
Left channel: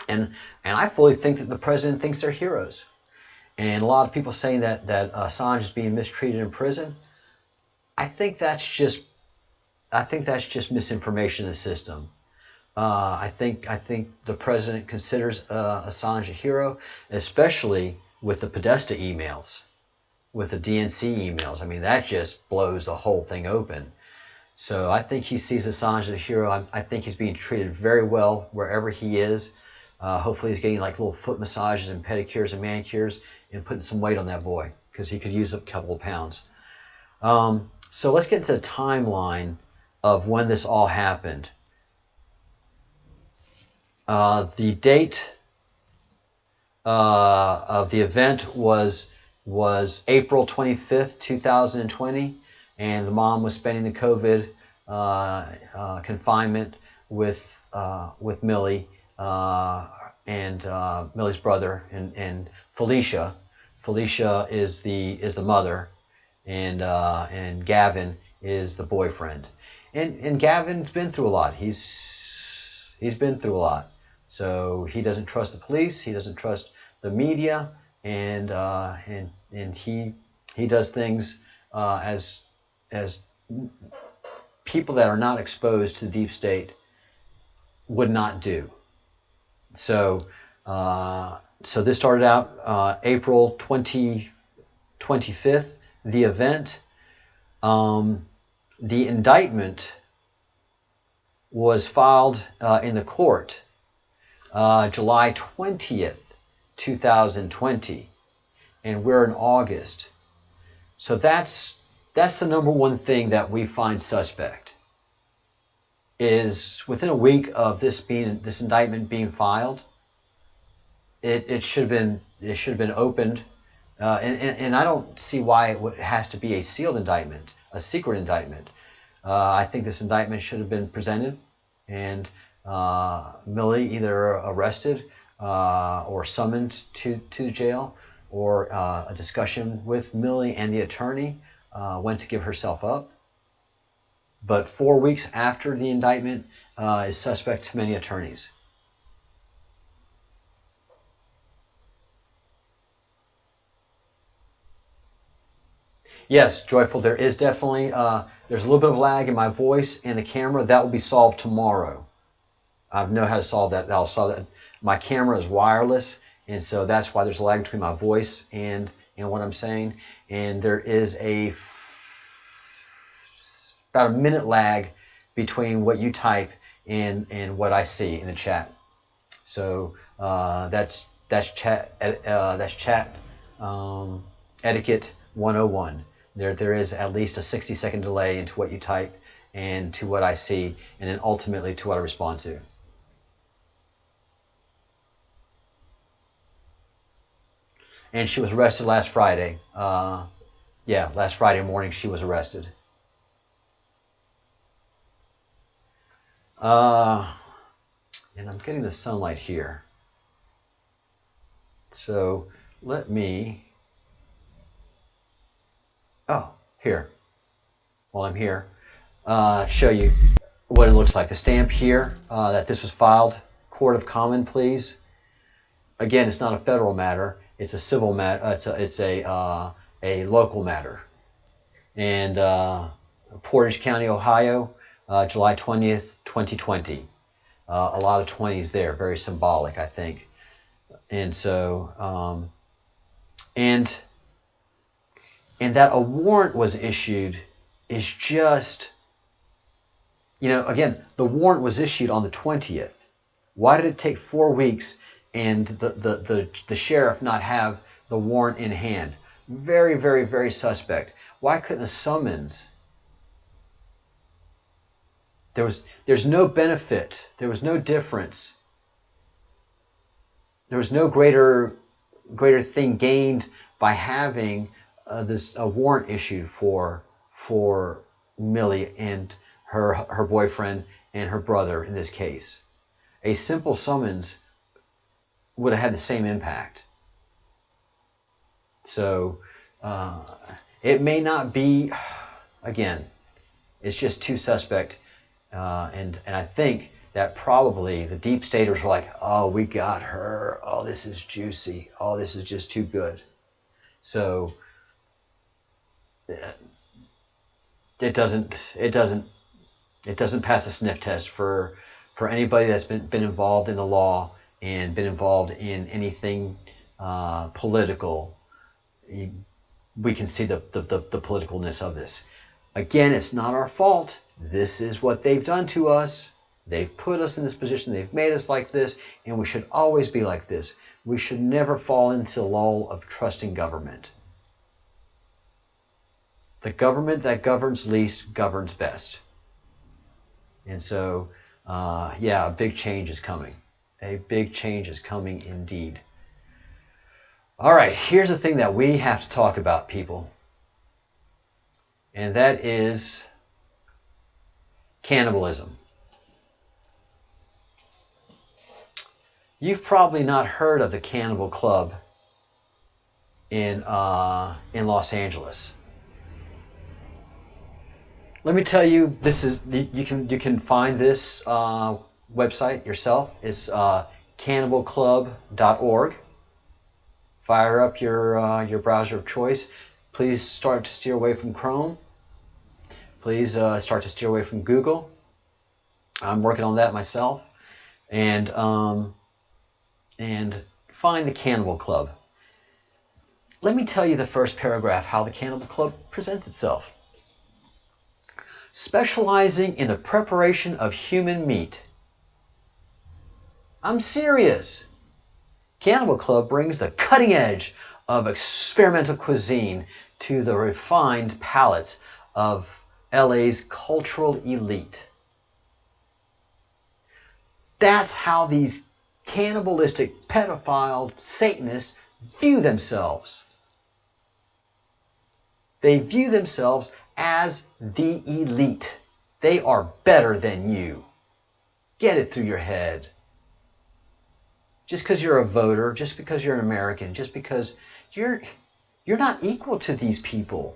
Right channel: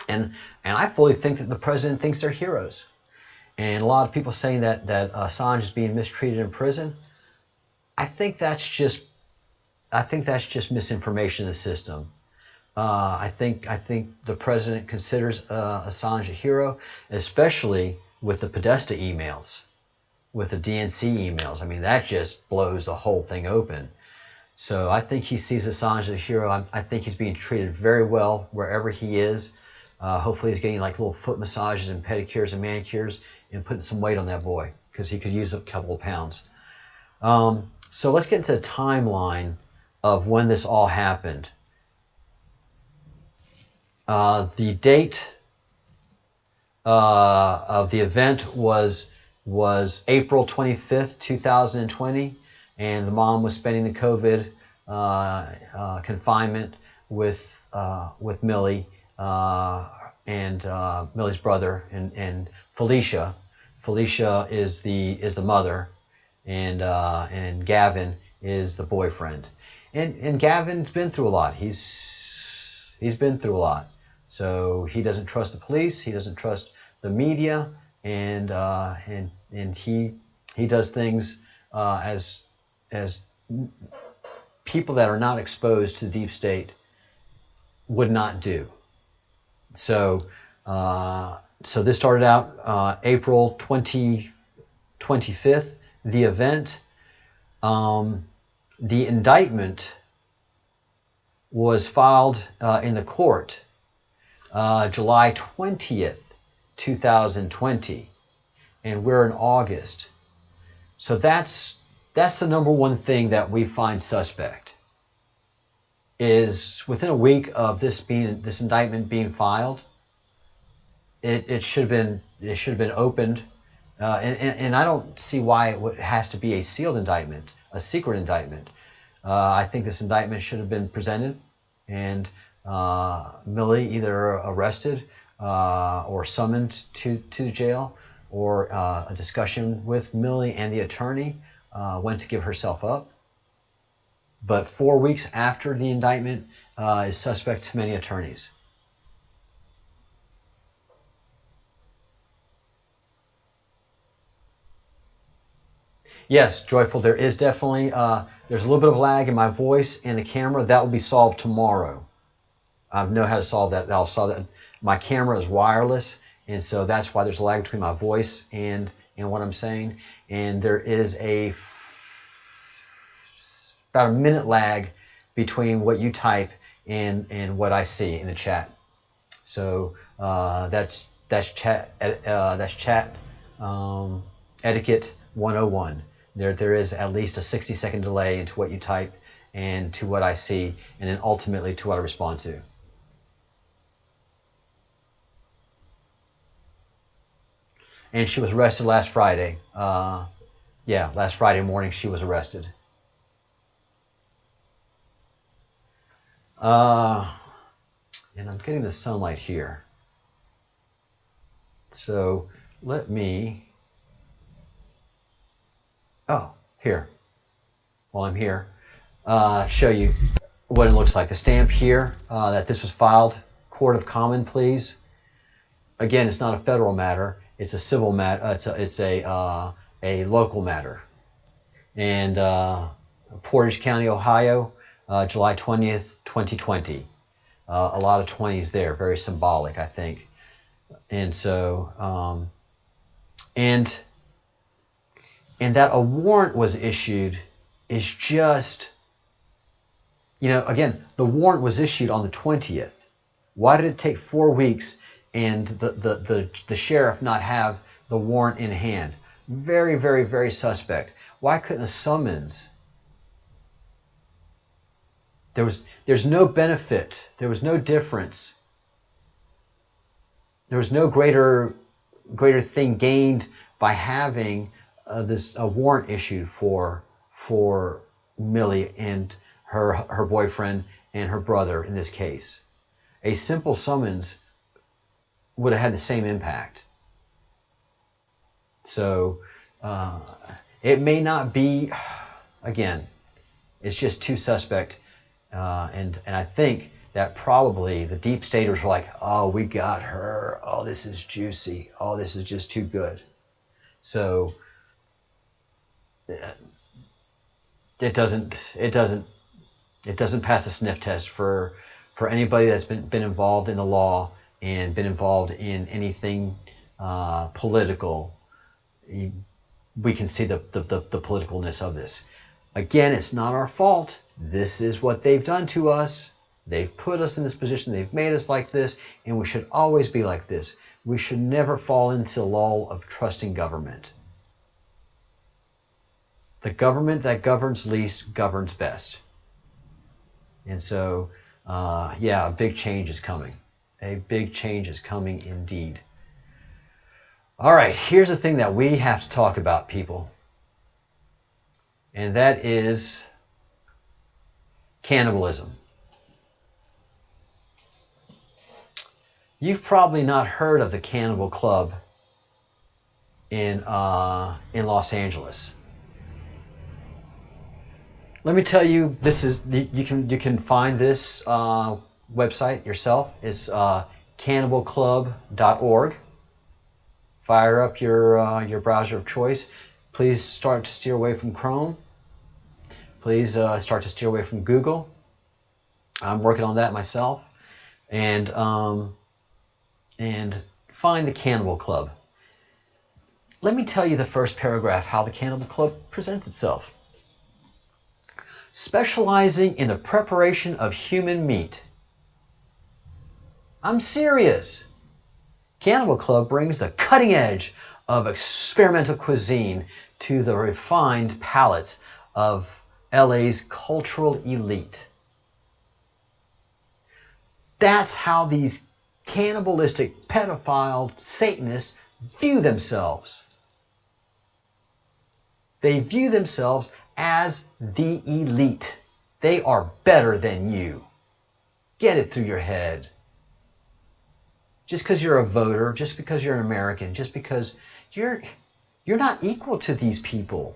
And I fully think that the president thinks they're heroes. And a lot of people saying that Assange is being mistreated in prison. I think that's just misinformation in the system. I think the president considers Assange a hero, especially with the Podesta emails, with the DNC emails. I mean, that just blows the whole thing open. So I think he sees Assange as a hero. I think he's being treated very well wherever he is. Hopefully he's getting like little foot massages and pedicures and manicures and putting some weight on that boy, because he could use a couple of pounds. So let's get into the timeline of when this all happened. The date of the event was April 25th, 2020, and the mom was spending the COVID confinement with Millie and Millie's brother and Felicia. Felicia is the mother, and Gavin is the boyfriend. And Gavin's been through a lot. He's been through a lot. So he doesn't trust the police. He doesn't trust the media, and he does things as people that are not exposed to the deep state would not do. So this started out April 25th. The event, the indictment was filed in the court July 20th, 2020, and we're in August. So that's the number one thing that we find suspect, is within a week of this indictment being filed, it should have been opened, and I don't see why it has to be a sealed indictment, a secret indictment. I think this indictment should have been presented, and Millie either arrested or summoned to jail, or a discussion with Millie and the attorney went to give herself up. But 4 weeks after the indictment is suspect to many attorneys. Yes, Joyful, there is definitely, there's a little bit of lag in my voice and the camera. That will be solved tomorrow. I know how to solve that. I'll solve that. My camera is wireless, and so that's why there's a lag between my voice and what I'm saying. And there is about a minute lag between what you type and what I see in the chat. So that's chat etiquette 101. There is at least a 60-second delay into what you type and to what I see, and then ultimately to what I respond to. And she was arrested last Friday. Yeah, last Friday morning she was arrested. And I'm getting the sunlight here. So let me, here, while I'm here, show you what it looks like. The stamp here that this was filed, Court of Common Pleas. Again, it's not a federal matter. It's a civil matter. It's a local matter. And Portage County, Ohio, July 20th, 2020. A lot of 20s there, very symbolic, I think. And so, and that a warrant was issued is just, again, the warrant was issued on the 20th. Why did it take 4 weeks and the sheriff not have the warrant in hand? Very, very, very suspect. Why couldn't a summons? There's no benefit. There was no difference. There was no greater thing gained by having a warrant issued for Millie and her boyfriend and her brother in this case. A simple summons would have had the same impact. So it may not be, again, it's just too suspect. And I think that probably the deep staters were like, oh, we got her. Oh, this is juicy. Oh, this is just too good. So it doesn't pass a sniff test for anybody that's been involved in the law and been involved in anything political. We can see the politicalness of this. Again, it's not our fault. This is what they've done to us. They've put us in this position. They've made us like this, and we should always be like this. We should never fall into the lull of trusting government. The government that governs least governs best. And so, yeah, a big change is coming. A big change is coming indeed. All right, here's the thing that we have to talk about, people. And that is cannibalism. You've probably not heard of the Cannibal Club. in Los Angeles. Let me tell you, this is you can find this website yourself. It's cannibalclub.org. Fire up your browser of choice. Please start to steer away from Chrome. Please start to steer away from Google. I'm working on that myself. And find the Cannibal Club. Let me tell you the first paragraph how the Cannibal Club presents itself. Specializing in the preparation of human meat. I'm serious. Cannibal Club brings the cutting edge of experimental cuisine to the refined palates of LA's cultural elite. That's how these cannibalistic, pedophile Satanists view themselves. They view themselves as the elite. They are better than you. Get it through your head. Just because you're a voter, just because you're an American, just because you're not equal to these people.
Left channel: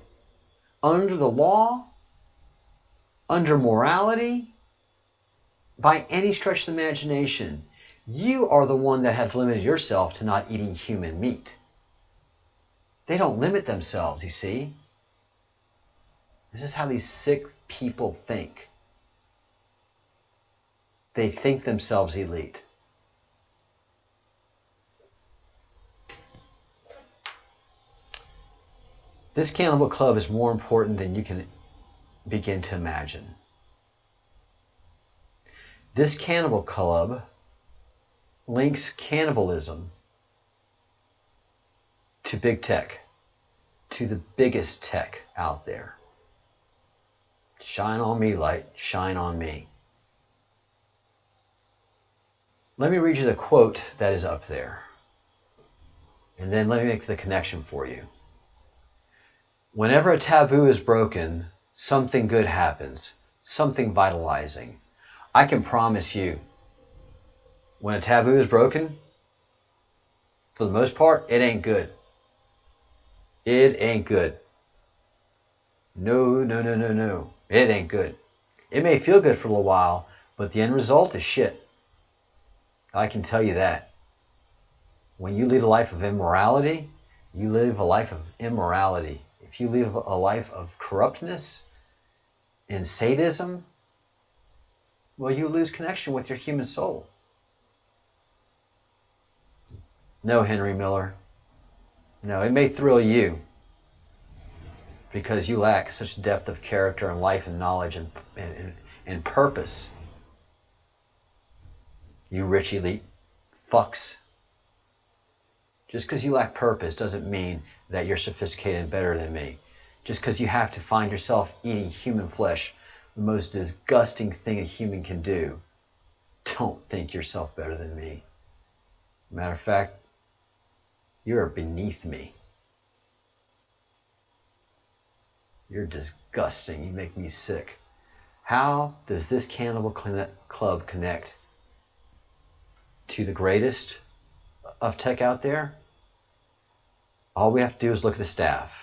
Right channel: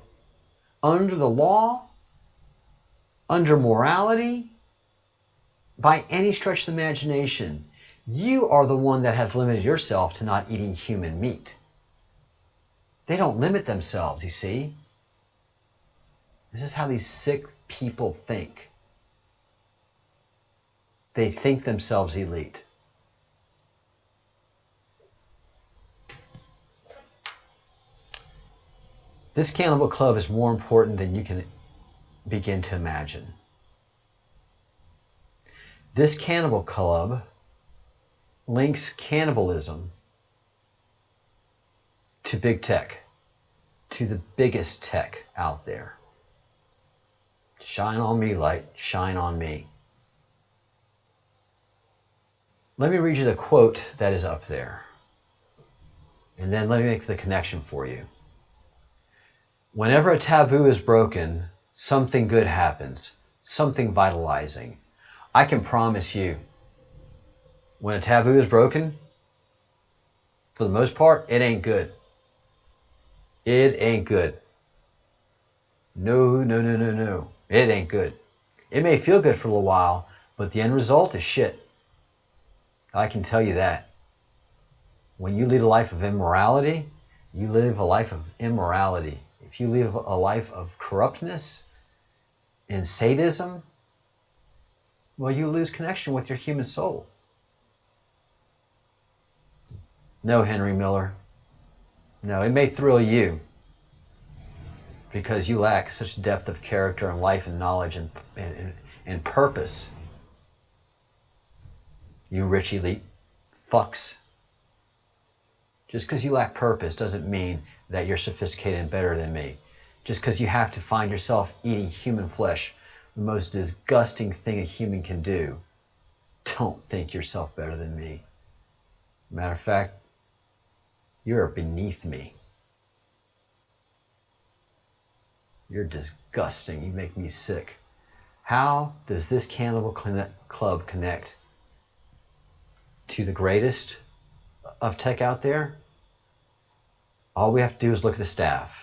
Under the law, under morality, by any stretch of the imagination, you are the one that has limited yourself to not eating human meat. They don't limit themselves, you see. This is how these sick people think. They think themselves elite. This Cannibal Club is more important than you can begin to imagine. This Cannibal Club links cannibalism to big tech, to the biggest tech out there. Shine on me, light, shine on me. Let me read you the quote that is up there. And then let me make the connection for you. Whenever a taboo is broken, something good happens, something vitalizing. I can promise you, when a taboo is broken, for the most part, it ain't good. It ain't good. No, no, no, no, no. It ain't good. It may feel good for a little while, but the end result is shit. I can tell you that. When you lead a life of immorality, you live a life of immorality. If you live a life of corruptness and sadism, well, you lose connection with your human soul. No, Henry Miller. No, it may thrill you because you lack such depth of character and life and knowledge and purpose. You rich elite fucks. Just because you lack purpose doesn't mean that you're sophisticated and better than me. Just because you have to find yourself eating human flesh, the most disgusting thing a human can do, don't think yourself better than me. Matter of fact, you're beneath me. You're disgusting. You make me sick. How does this Cannibal Club connect to the greatest of tech out there? All we have to do is look at the staff.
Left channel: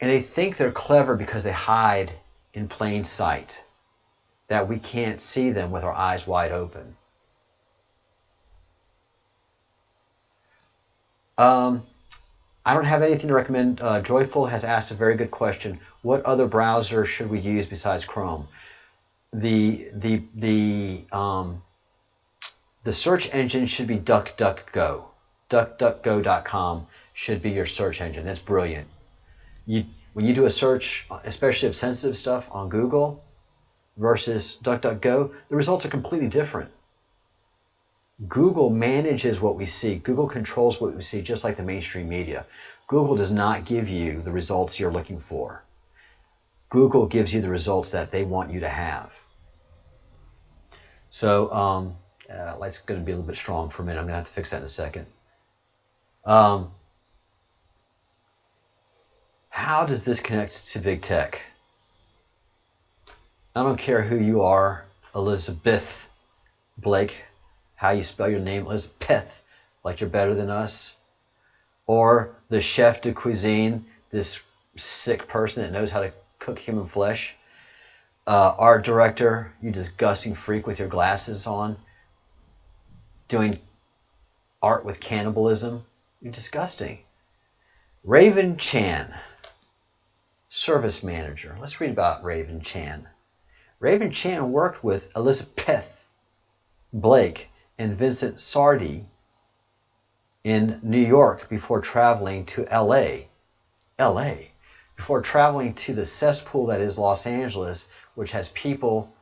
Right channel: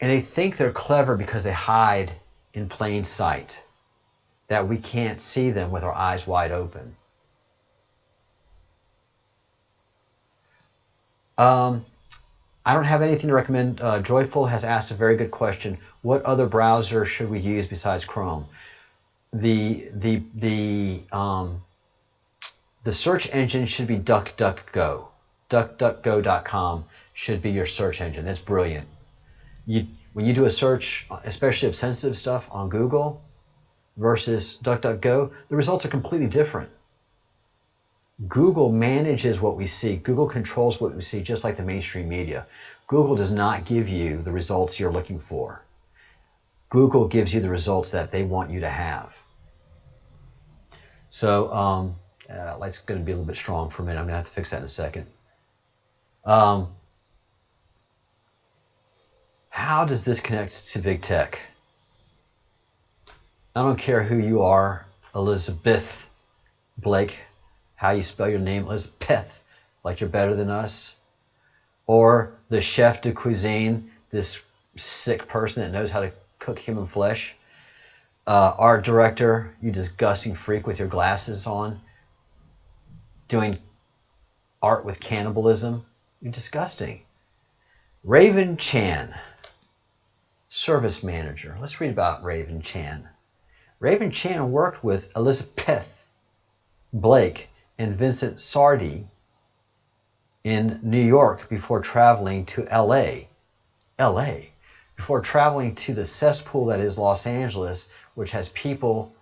And they think they're clever because they hide in plain sight, that we can't see them with our eyes wide open. I don't have anything to recommend. Joyful has asked a very good question. What other browser should we use besides Chrome? The search engine should be DuckDuckGo. DuckDuckGo.com should be your search engine. That's brilliant. When you do a search, especially of sensitive stuff on Google versus DuckDuckGo, the results are completely different. Google manages what we see. Google controls what we see, just like the mainstream media. Google does not give you the results you're looking for. Google gives you the results that they want you to have. So, light's going to be a little bit strong for a minute. I'm going to have to fix that in a second. How does this connect to big tech? I don't care who you are, Elizabeth Blake, how you spell your name, Elizabeth, like you're better than us. Or the chef de cuisine, this sick person that knows how to cook human flesh. Art director, you disgusting freak with your glasses on, doing art with cannibalism. You're disgusting. Raven Chan, service manager. Let's read about Raven Chan. Raven Chan worked with Elizabeth Blake and Vincent Sardi in New York before traveling to LA. Before traveling to the cesspool that is Los Angeles, which has people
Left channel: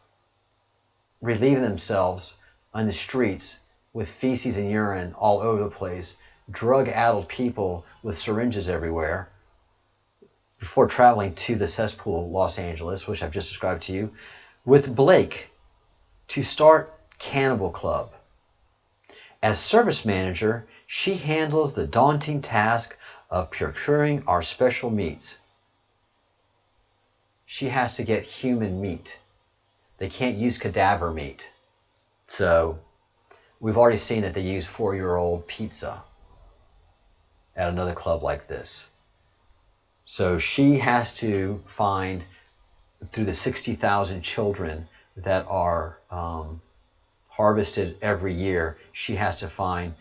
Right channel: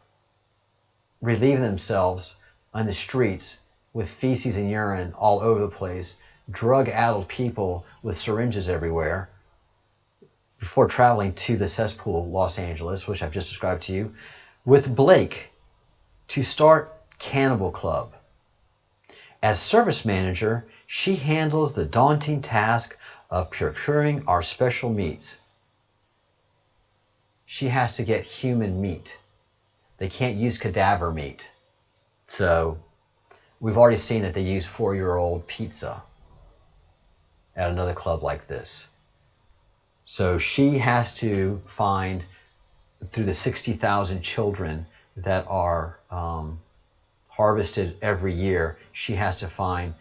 relieving themselves on the streets with feces and urine all over the place, drug-addled people with syringes everywhere, before traveling to the cesspool Los Angeles, which I've just described to you, with Blake to start Cannibal Club. As service manager, she handles the daunting task of procuring our special meats. She has to get human meat. They can't use cadaver meat. So we've already seen that they use 4-year-old pizza at another club like this. So she has to find, through the 60,000 children that are harvested every year, she has to find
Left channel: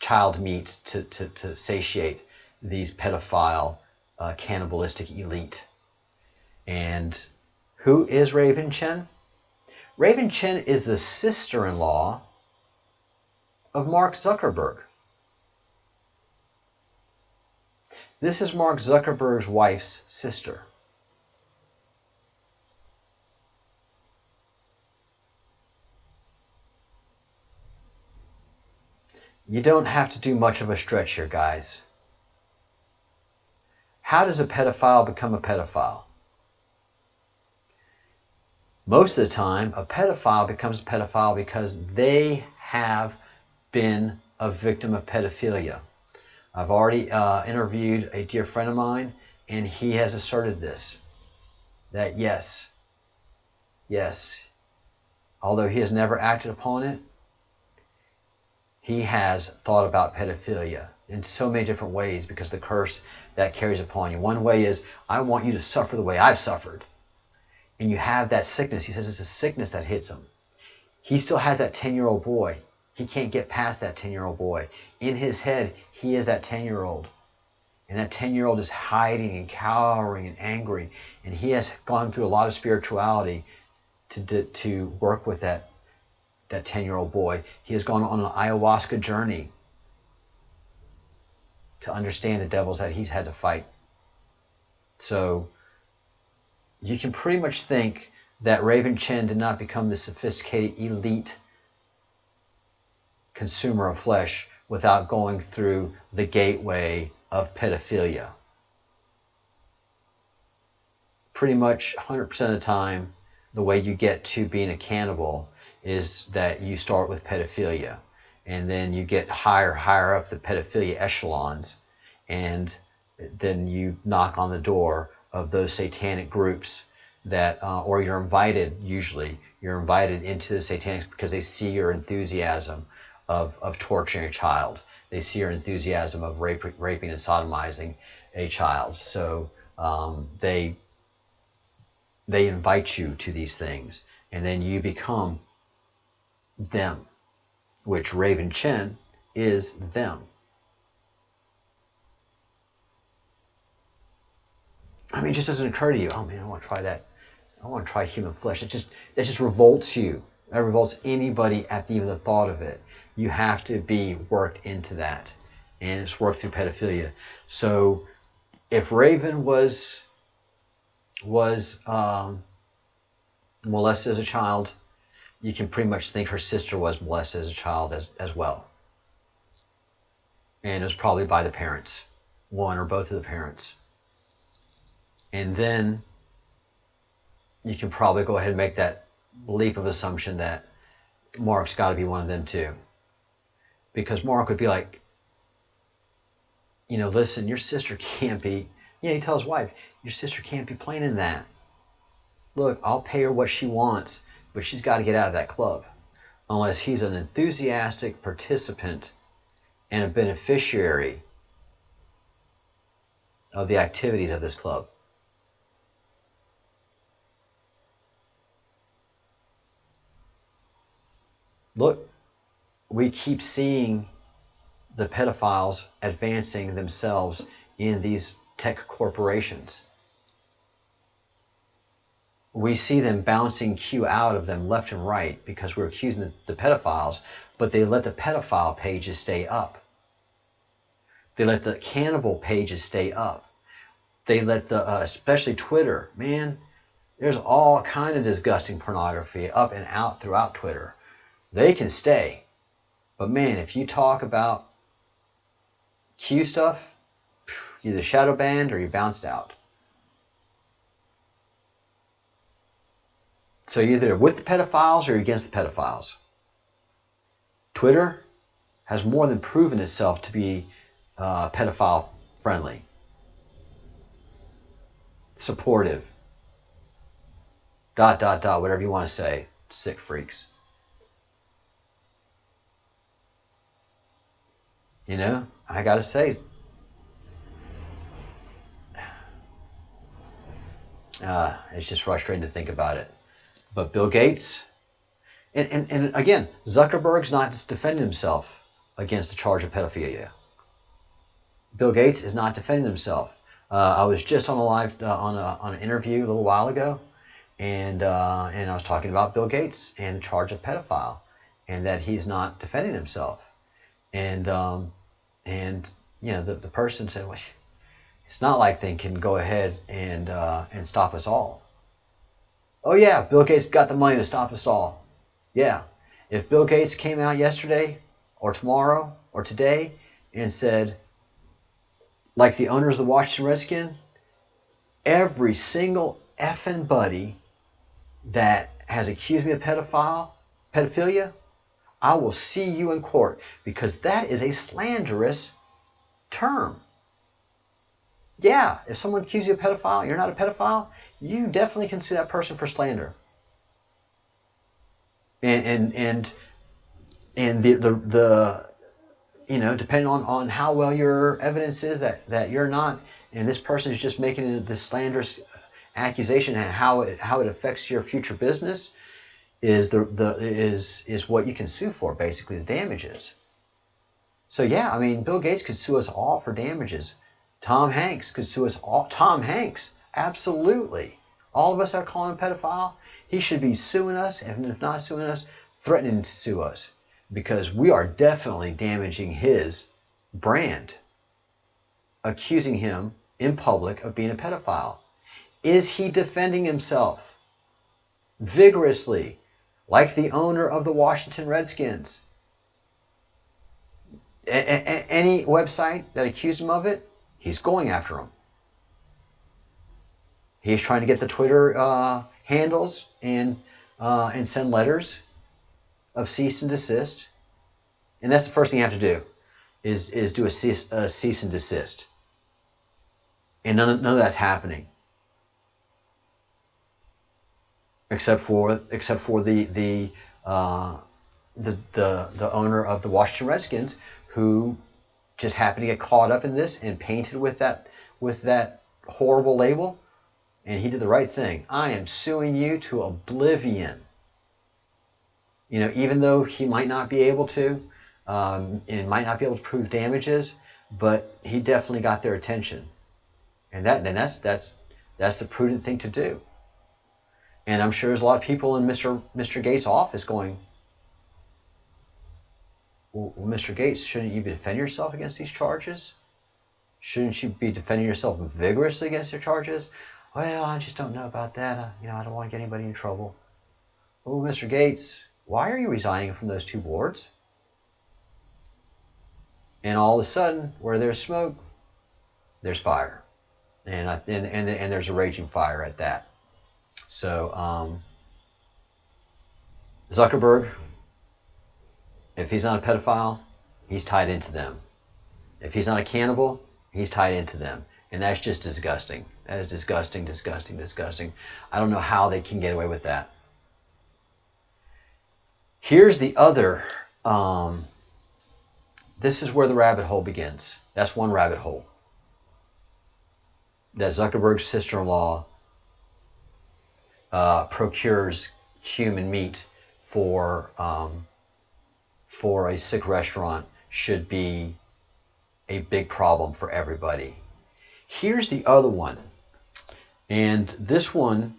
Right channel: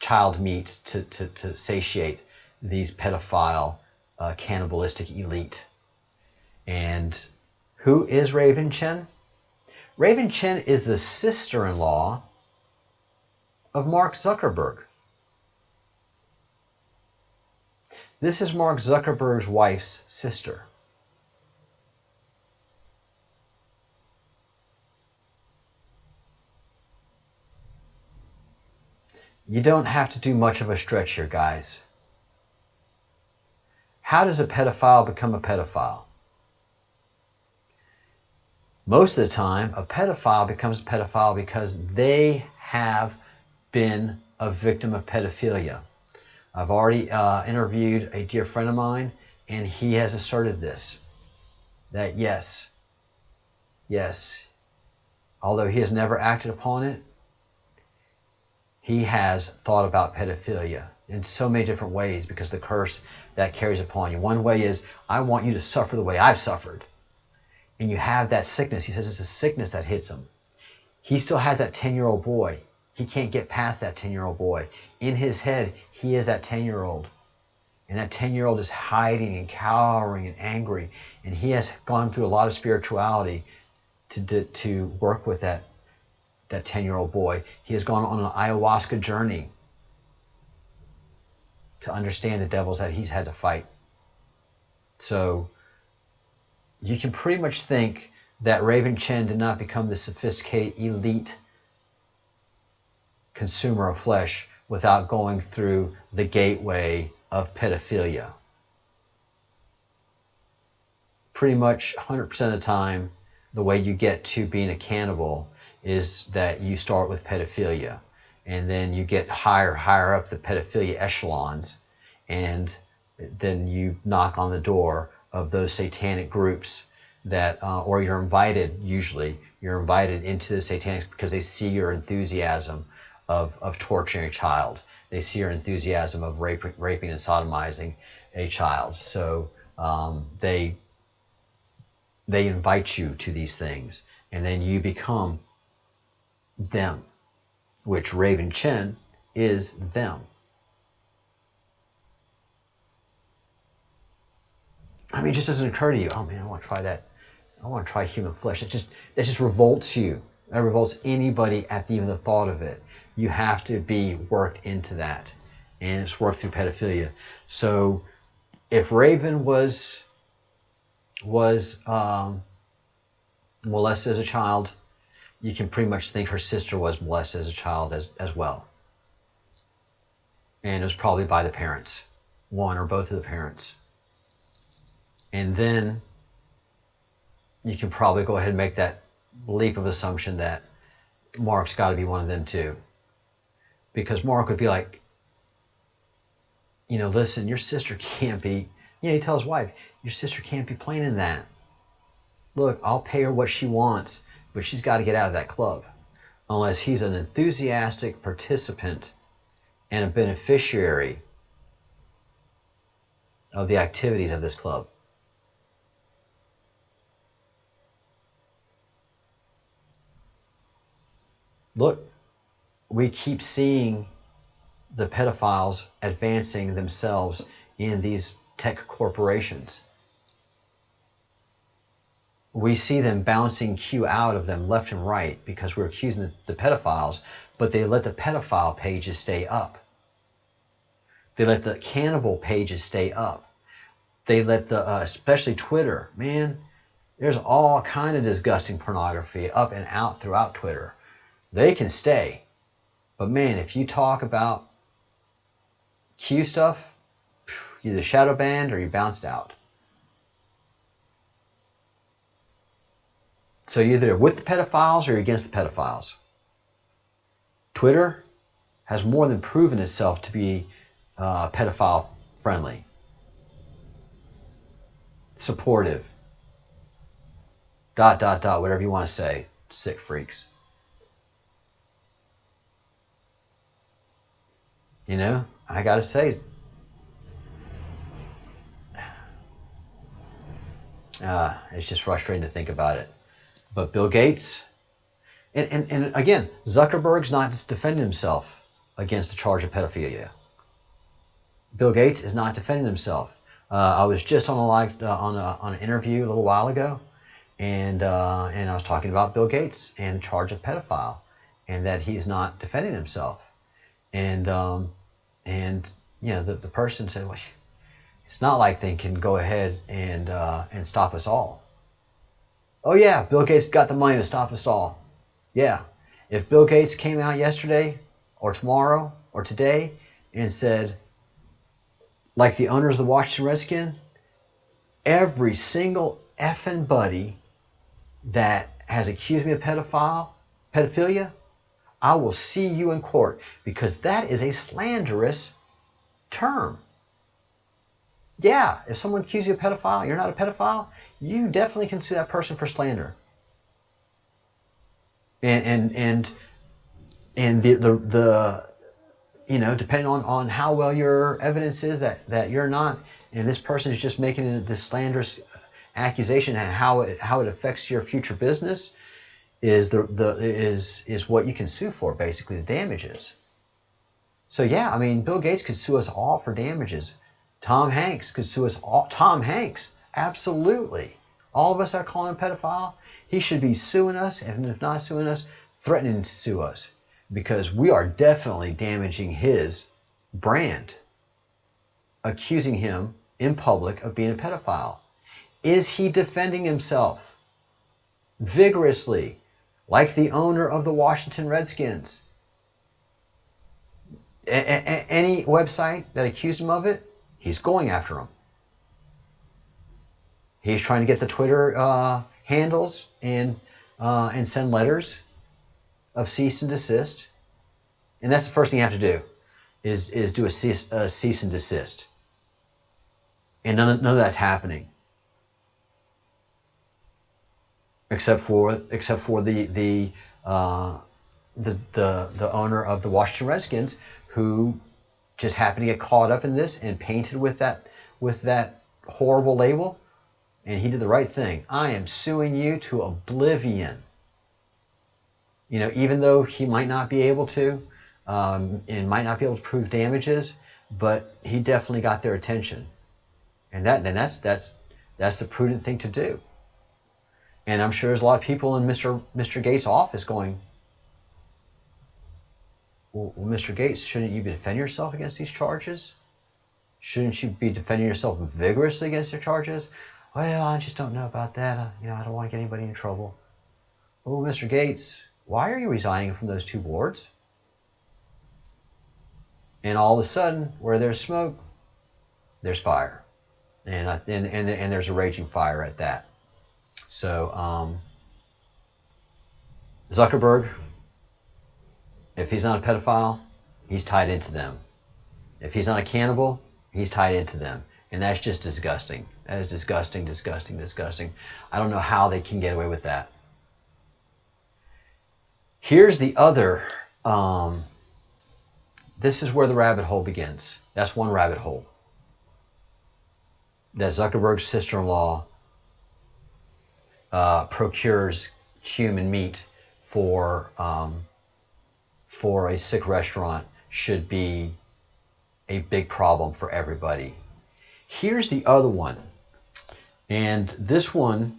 child meat to satiate these pedophile, cannibalistic elite. And who is Raven Chen? Raven Chen is the sister-in-law of Mark Zuckerberg. This is Mark Zuckerberg's wife's sister. You don't have to do much of a stretch here, guys. How does a pedophile become a pedophile? Most of the time, a pedophile becomes a pedophile because they have been a victim of pedophilia. I've already interviewed a dear friend of mine, and he has asserted this, that yes, although he has never acted upon it, he has thought about pedophilia in so many different ways because the curse that carries upon you. One way is, I want you to suffer the way I've suffered. And you have that sickness. He says it's a sickness that hits him. He still has that 10-year-old boy. He can't get past that 10-year-old boy. In his head, he is that 10-year-old. And that 10-year-old is hiding and cowering and angry. And he has gone through a lot of spirituality to work with that 10-year-old boy. He has gone on an ayahuasca journey to understand the devils that he's had to fight. So you can pretty much think that Raven Chen did not become the sophisticated elite consumer of flesh without going through the gateway of pedophilia. Pretty much 100% of the time, the way you get to being a cannibal is that you start with pedophilia, and then you get higher up the pedophilia echelons, and then you knock on the door of those satanic groups that, or you're invited, usually, you're invited into the satanics because they see your enthusiasm of torturing a child. They see your enthusiasm of raping and sodomizing a child. So they invite you to these things, and then you become them, which Raven Chen is them. I mean, it just doesn't occur to you, oh man, I want to try that. I want to try human flesh. That just revolts you. That revolts anybody at even the thought of it. You have to be worked into that, and it's worked through pedophilia. So if Raven was molested as a child, you can pretty much think her sister was molested as a child as well. And it was probably by the parents, one or both of the parents. And then you can probably go ahead and make that leap of assumption that Mark's got to be one of them too. Because Mark would be like, listen, your sister can't be, he tells his wife, your sister can't be playing in that. Look, I'll pay her what she wants, but she's got to get out of that club. Unless he's an enthusiastic participant and a beneficiary of the activities of this club. Look, we keep seeing the pedophiles advancing themselves in these tech corporations. We see them bouncing Q out of them left and right because we're accusing the pedophiles, but they let the pedophile pages stay up. They let the cannibal pages stay up. They let the, especially Twitter, man, there's all kind of disgusting pornography up and out throughout Twitter. They can stay. But man, if you talk about Q stuff, you're either shadow banned or you bounced out. So you're either with the pedophiles or you're against the pedophiles. Twitter has more than proven itself to be pedophile friendly, supportive, ... whatever you want to say, sick freaks. You know, I gotta say, it's just frustrating to think about it. But Bill Gates, and again, Zuckerberg's not just defending himself against the charge of pedophilia. Bill Gates is not defending himself. I was just on a live on an interview a little while ago, and I was talking about Bill Gates and the charge of pedophile, and that he's not defending himself. And you know, the person said, well, it's not like they can go ahead and stop us all. Oh yeah, Bill Gates got the money to stop us all. Yeah, if Bill Gates came out yesterday or tomorrow or today and said, like the owners of the Washington Redskins, every single effing buddy that has accused me of pedophilia, I will see you in court, because that is a slanderous term. Yeah, if someone accuses you of pedophile, you're not a pedophile, you definitely can sue that person for slander. And the you know, depending on how well your evidence is that you're not, and this person is just making this slanderous accusation, and how it affects your future business is what you can sue for, basically, the damages. So yeah, I mean, Bill Gates could sue us all for damages. Tom Hanks could sue us all. Tom Hanks, absolutely. All of us that are calling him a pedophile, he should be suing us, and if not suing us, threatening to sue us, because we are definitely damaging his brand, accusing him in public of being a pedophile. Is he defending himself vigorously, like the owner of the Washington Redskins? Any website that accused him of it, he's going after him. He's trying to get the Twitter handles and send letters of cease and desist. And that's the first thing you have to do, is do a cease and desist. And none of that's happening, except for the owner of the Washington Redskins, who just happened to get caught up in this and painted with that horrible label. And he did the right thing. I am suing you to oblivion. You know, even though he might not be able to, and might not be able to prove damages, but he definitely got their attention. And that's the prudent thing to do. And I'm sure there's a lot of people in Mr. Gates' office going, well, Mr. Gates, shouldn't you defend yourself against these charges? Shouldn't you be defending yourself vigorously against your charges? Well, I just don't know about that. You know, I don't want to get anybody in trouble. Oh, Mr. Gates, why are you resigning from those two boards? And all of a sudden, where there's smoke, there's fire, and there's a raging fire at that. So Zuckerberg, if he's not a pedophile, he's tied into them. If he's not a cannibal, he's tied into them. And that's just disgusting. That is disgusting, disgusting, disgusting. I don't know how they can get away with that. Here's the other, this is where the rabbit hole begins. That's one rabbit hole. that Zuckerberg's sister-in-law procures human meat for a sick restaurant should be a big problem for everybody. Here's the other one, and this one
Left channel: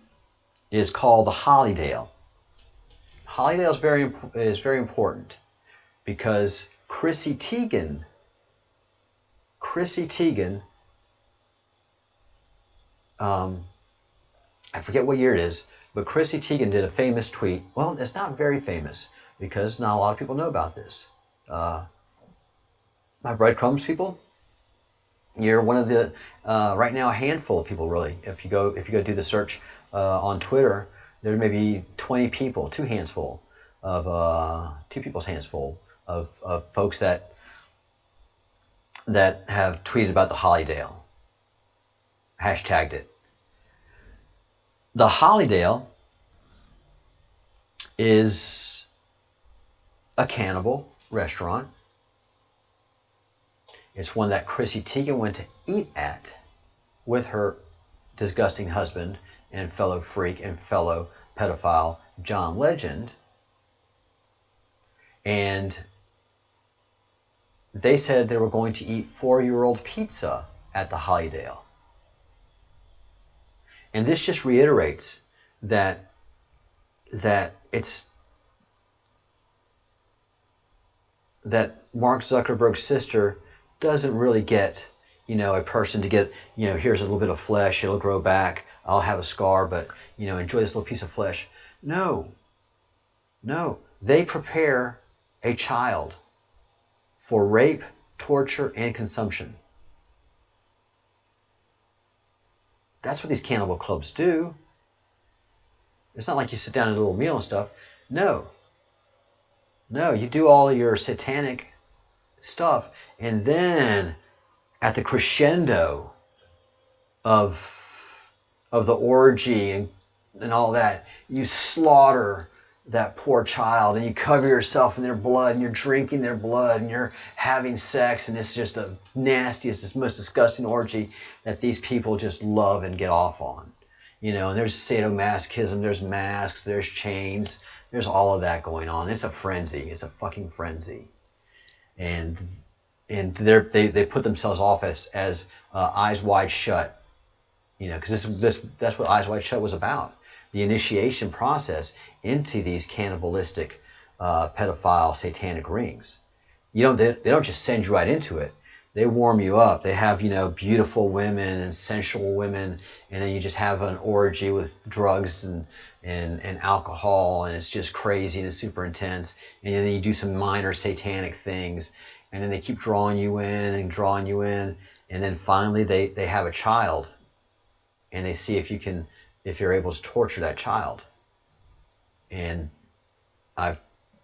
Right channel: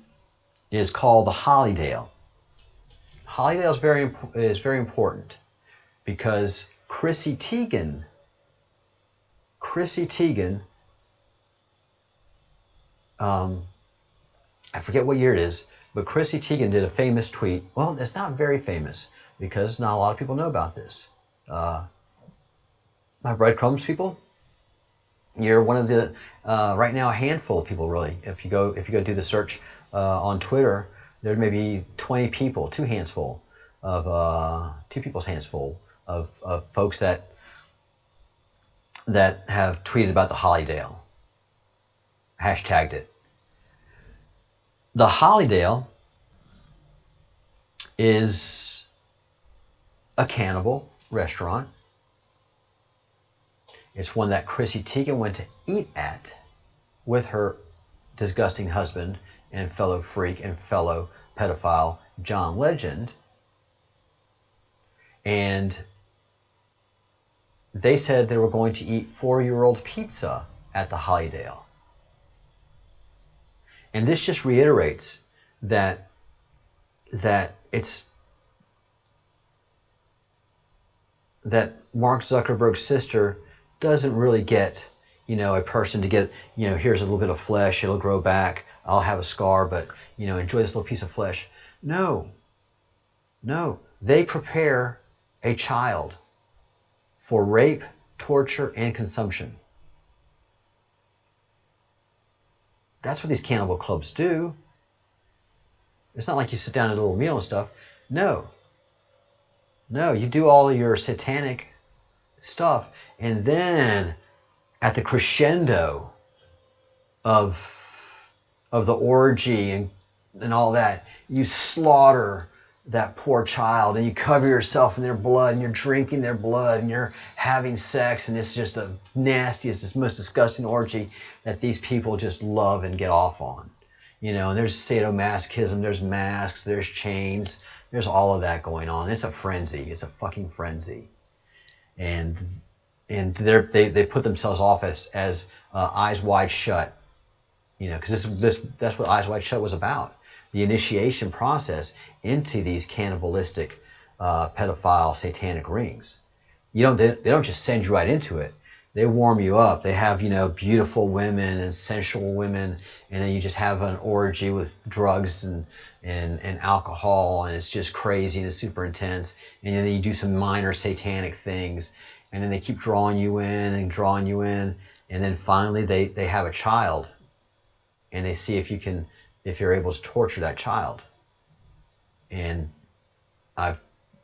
is called the Hollydale. Hollydale is very important because Chrissy Teigen, I forget what year it is, but Chrissy Teigen did a famous tweet. Well, it's not very famous because not a lot of people know about this. My Breadcrumbs people, you're one of the right now a handful of people really. If you go do the search on Twitter, there may be 20 people, two people's hands full of folks that have tweeted about the Hollydale, hashtagged it. The Hollydale is a cannibal restaurant. It's one that Chrissy Teigen went to eat at with her disgusting husband and fellow freak and fellow pedophile John Legend. And they said they were going to eat 4-year-old pizza at the Hollydale. And this just reiterates that Mark Zuckerberg's sister doesn't really get, a person to get, here's a little bit of flesh, it'll grow back, I'll have a scar, but, enjoy this little piece of flesh. No, they prepare a child for rape, torture, and consumption. That's what these cannibal clubs do. It's not like you sit down at a little meal and stuff. No, you do all of your satanic stuff, and then at the crescendo of the orgy and all that, you slaughter that poor child, and you cover yourself in their blood, and you're drinking their blood, and you're having sex, and it's just the nastiest, it's most disgusting orgy that these people just love and get off on. And there's sadomasochism, there's masks, there's chains, there's all of that going on. It's a frenzy. It's a fucking frenzy. And they put themselves off as Eyes Wide Shut, because that's what Eyes Wide Shut was about. The initiation process into these cannibalistic, pedophile, satanic rings. They don't just send you right into it. They warm you up. They have, beautiful women and sensual women, and then you just have an orgy with drugs and alcohol, and it's just crazy and it's super intense. And then you do some minor satanic things, and then they keep drawing you in, and then finally they have a child, and they see if you're able to torture that child. And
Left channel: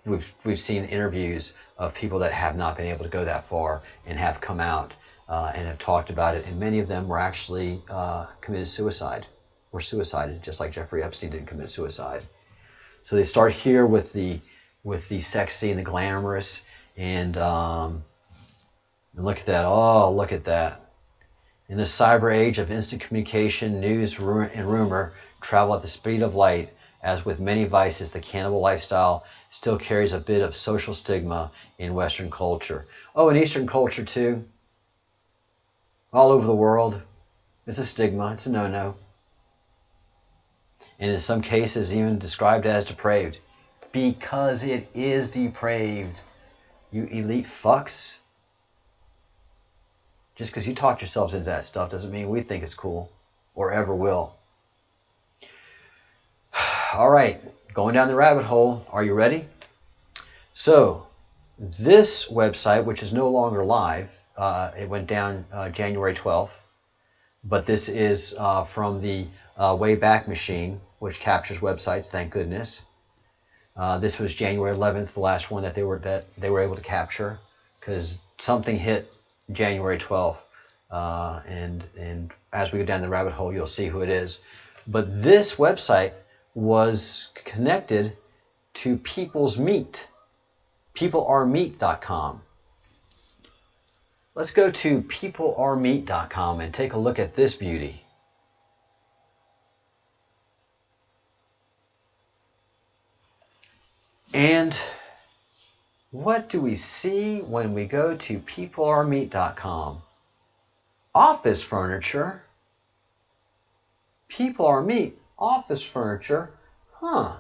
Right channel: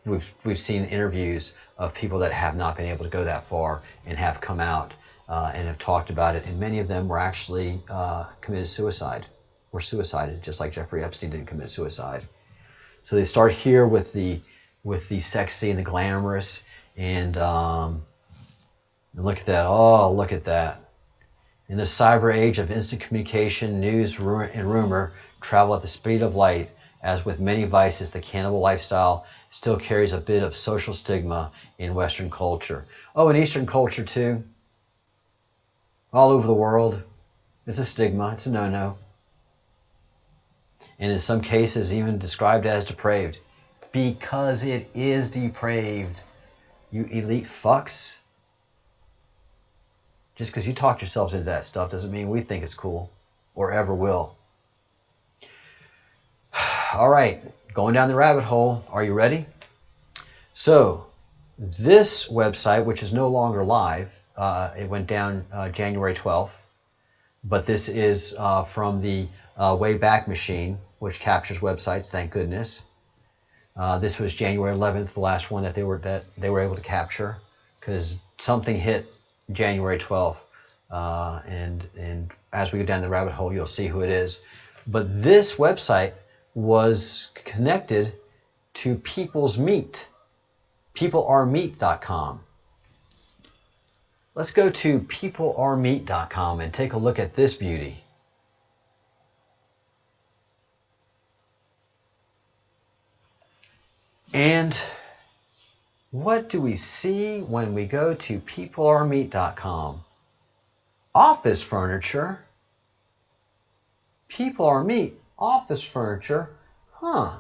we've seen interviews of people that have not been able to go that far and have come out and have talked about it, and many of them were actually committed suicide, or suicided, just like Jeffrey Epstein didn't commit suicide. So they start here with the sexy and the glamorous, and look at that. Oh, look at that. In the cyber age of instant communication, news and rumor travel at the speed of light. As with many vices, the cannibal lifestyle still carries a bit of social stigma in Western culture. Oh, in Eastern culture too. All over the world. It's a stigma. It's a no-no. And in some cases even described as depraved. Because it is depraved. You elite fucks. Just because you talked yourselves into that stuff doesn't mean we think it's cool. Or ever will. All right, going down the rabbit hole. Are you ready? So, this website, which is no longer live, it went down January 12th, but this is from the Wayback Machine, which captures websites, thank goodness. This was January 11th, the last one that they were able to capture, because something hit January 12th, and as we go down the rabbit hole, you'll see who it is. But this website was connected to People's Meat, peoplearemeat.com. Let's go to peoplearemeat.com and take a look at this beauty. And what do we see when we go to peoplearemeat.com? Office furniture. People Are Meat, office furniture. Huh.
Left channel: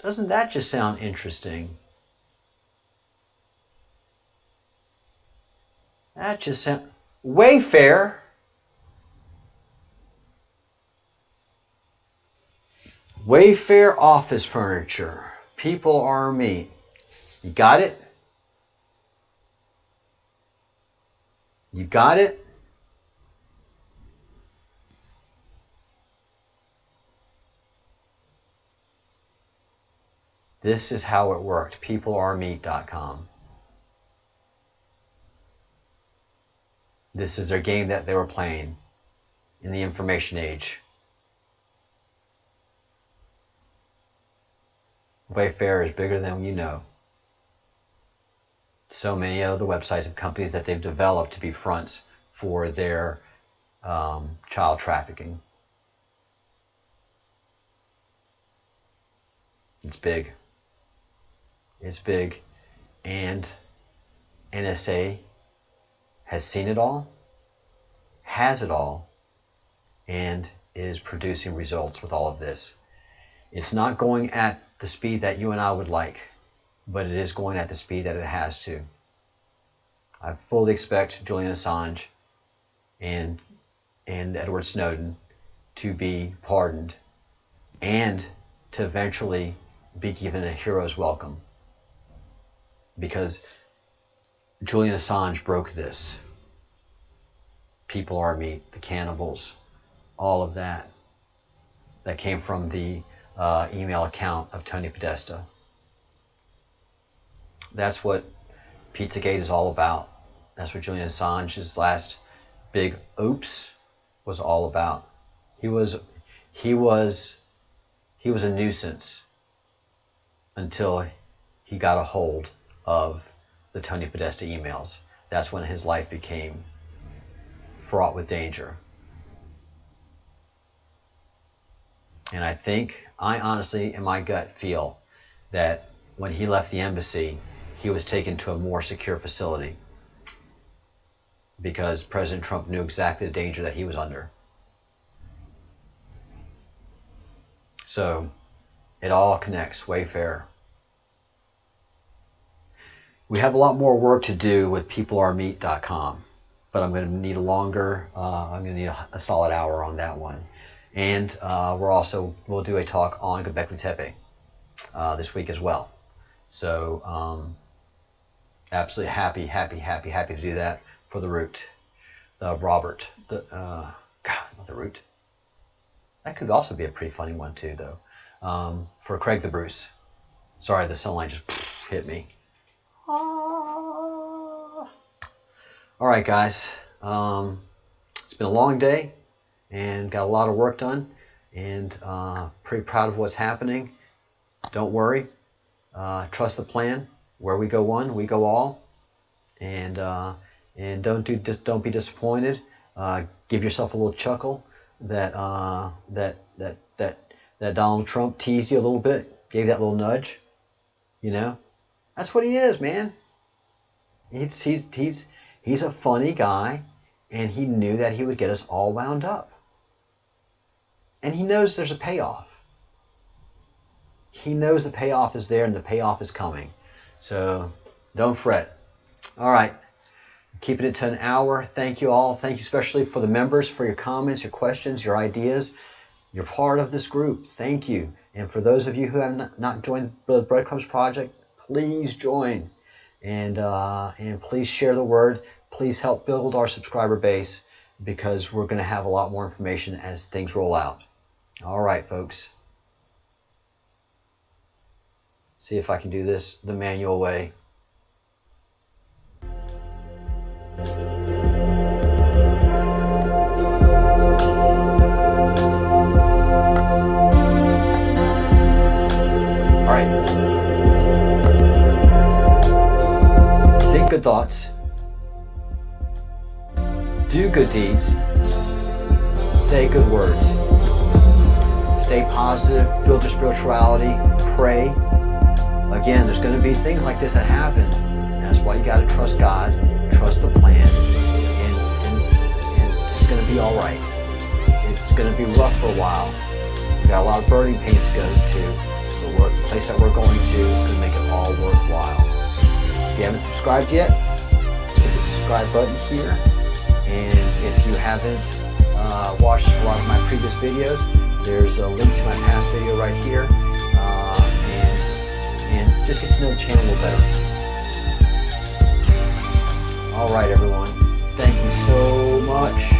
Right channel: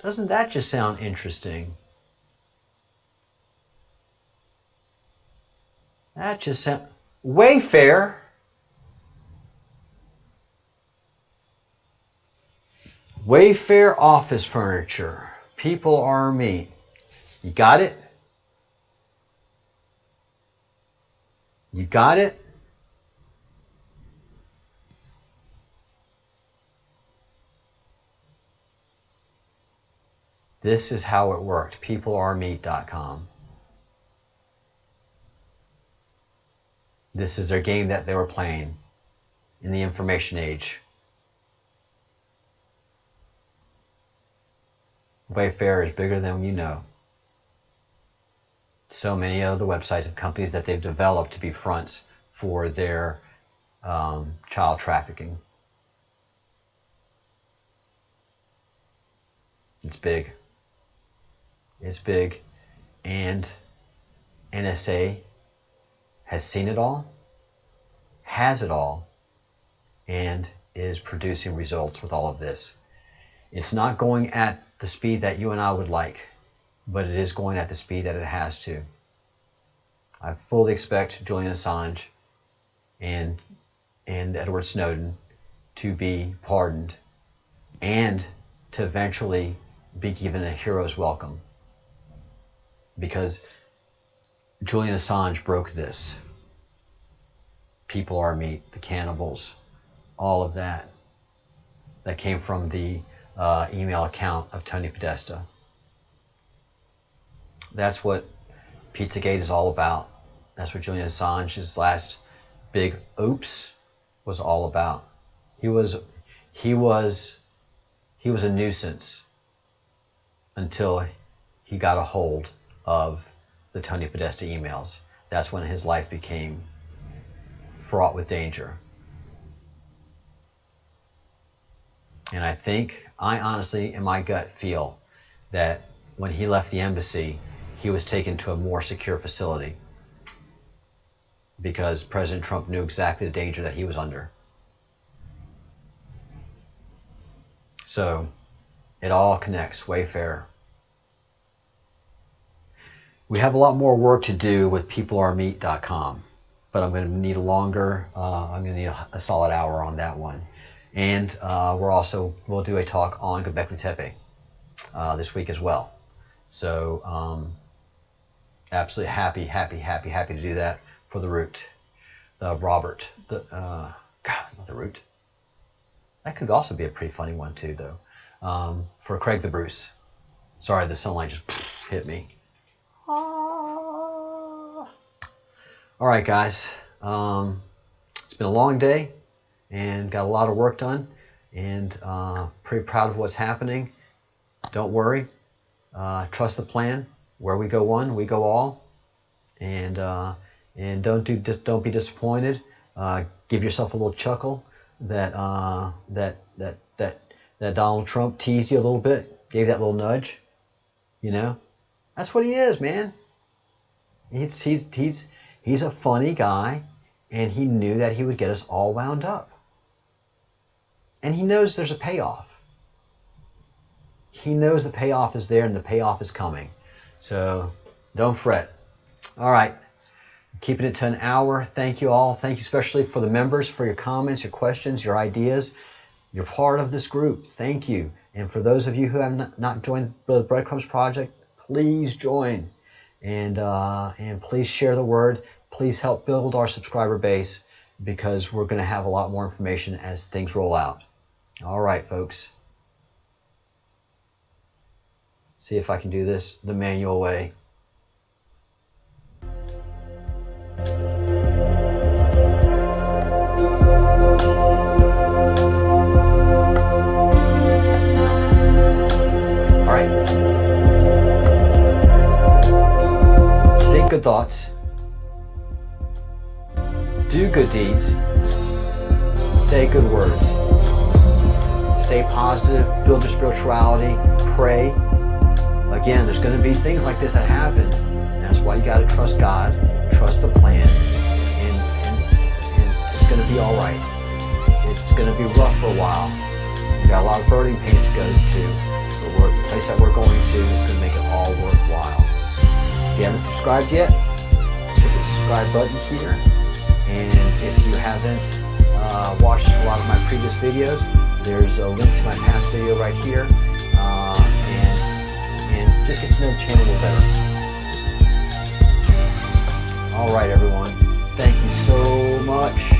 Doesn't that just sound interesting? That just sounds... Wayfair. Wayfair office furniture. People Are Meat. You got it? You got it? This is how it worked. peoplearemeat.com. This is their game that they were playing in the information age. Wayfair is bigger than you know. So many of the websites and companies that they've developed to be fronts for their child trafficking. It's big. It's big. And NSA has seen it all, has it all, and is producing results with all of this. It's not going at the speed that you and I would like, but it is going at the speed that it has to. I fully expect Julian Assange and Edward Snowden to be pardoned and to eventually be given a hero's welcome, because Julian Assange broke this. People Are Meat, the cannibals, all of that came from the email account of Tony Podesta. That's what Pizzagate is all about. That's what Julian Assange's last big oops was all about. He was a nuisance until he got a hold of the Tony Podesta emails. That's when his life became fraught with danger. And I honestly, in my gut, feel that when he left the embassy, he was taken to a more secure facility because President Trump knew exactly the danger that he was under. So it all connects. Wayfair. We have a lot more work to do with peoplearemeat.com, but I'm going to need I'm going to need a solid hour on that one. And we'll do a talk on Göbekli Tepe this week as well. So absolutely happy to do that for the Root, Robert, not the Root. That could also be a pretty funny one too, though. For Craig the Bruce. Sorry, the sunlight just hit me. All right, guys. It's been a long day and got a lot of work done, and pretty proud of what's happening. Don't worry. Trust the plan. Where we go one, we go all. And don't be disappointed. Give yourself a little chuckle that Donald Trump teased you a little bit, gave that little nudge. You know, that's what he is, man. He's a funny guy, and he knew that he would get us all wound up. And he knows there's a payoff. He knows the payoff is there and the payoff is coming. So don't fret. All right. Keeping it to an hour. Thank you all. Thank you especially for the members, for your comments, your questions, your ideas. You're part of this group. Thank you. And for those of you who have not joined the Breadcrumbs Project, please join. And please share the word. Please help build our subscriber base, because we're going to have a lot more information as things roll out. All right, folks. See if I can do this the manual way. All right. Think good thoughts. do good deeds, say good words, stay positive, build your spirituality, pray. Again, there's going to be things like this that happen. And that's why you got to trust God, trust the plan, and it's going to be all right. It's going to be rough for a while. We got a lot of birthing pains to go to. The place that we're going to is going to make it all worthwhile. If you haven't subscribed yet, hit the subscribe button here. And if you haven't watched a lot of my previous videos, there's a link to my past video right here. And just get to know the channel a little better. All right, everyone. Thank you so much.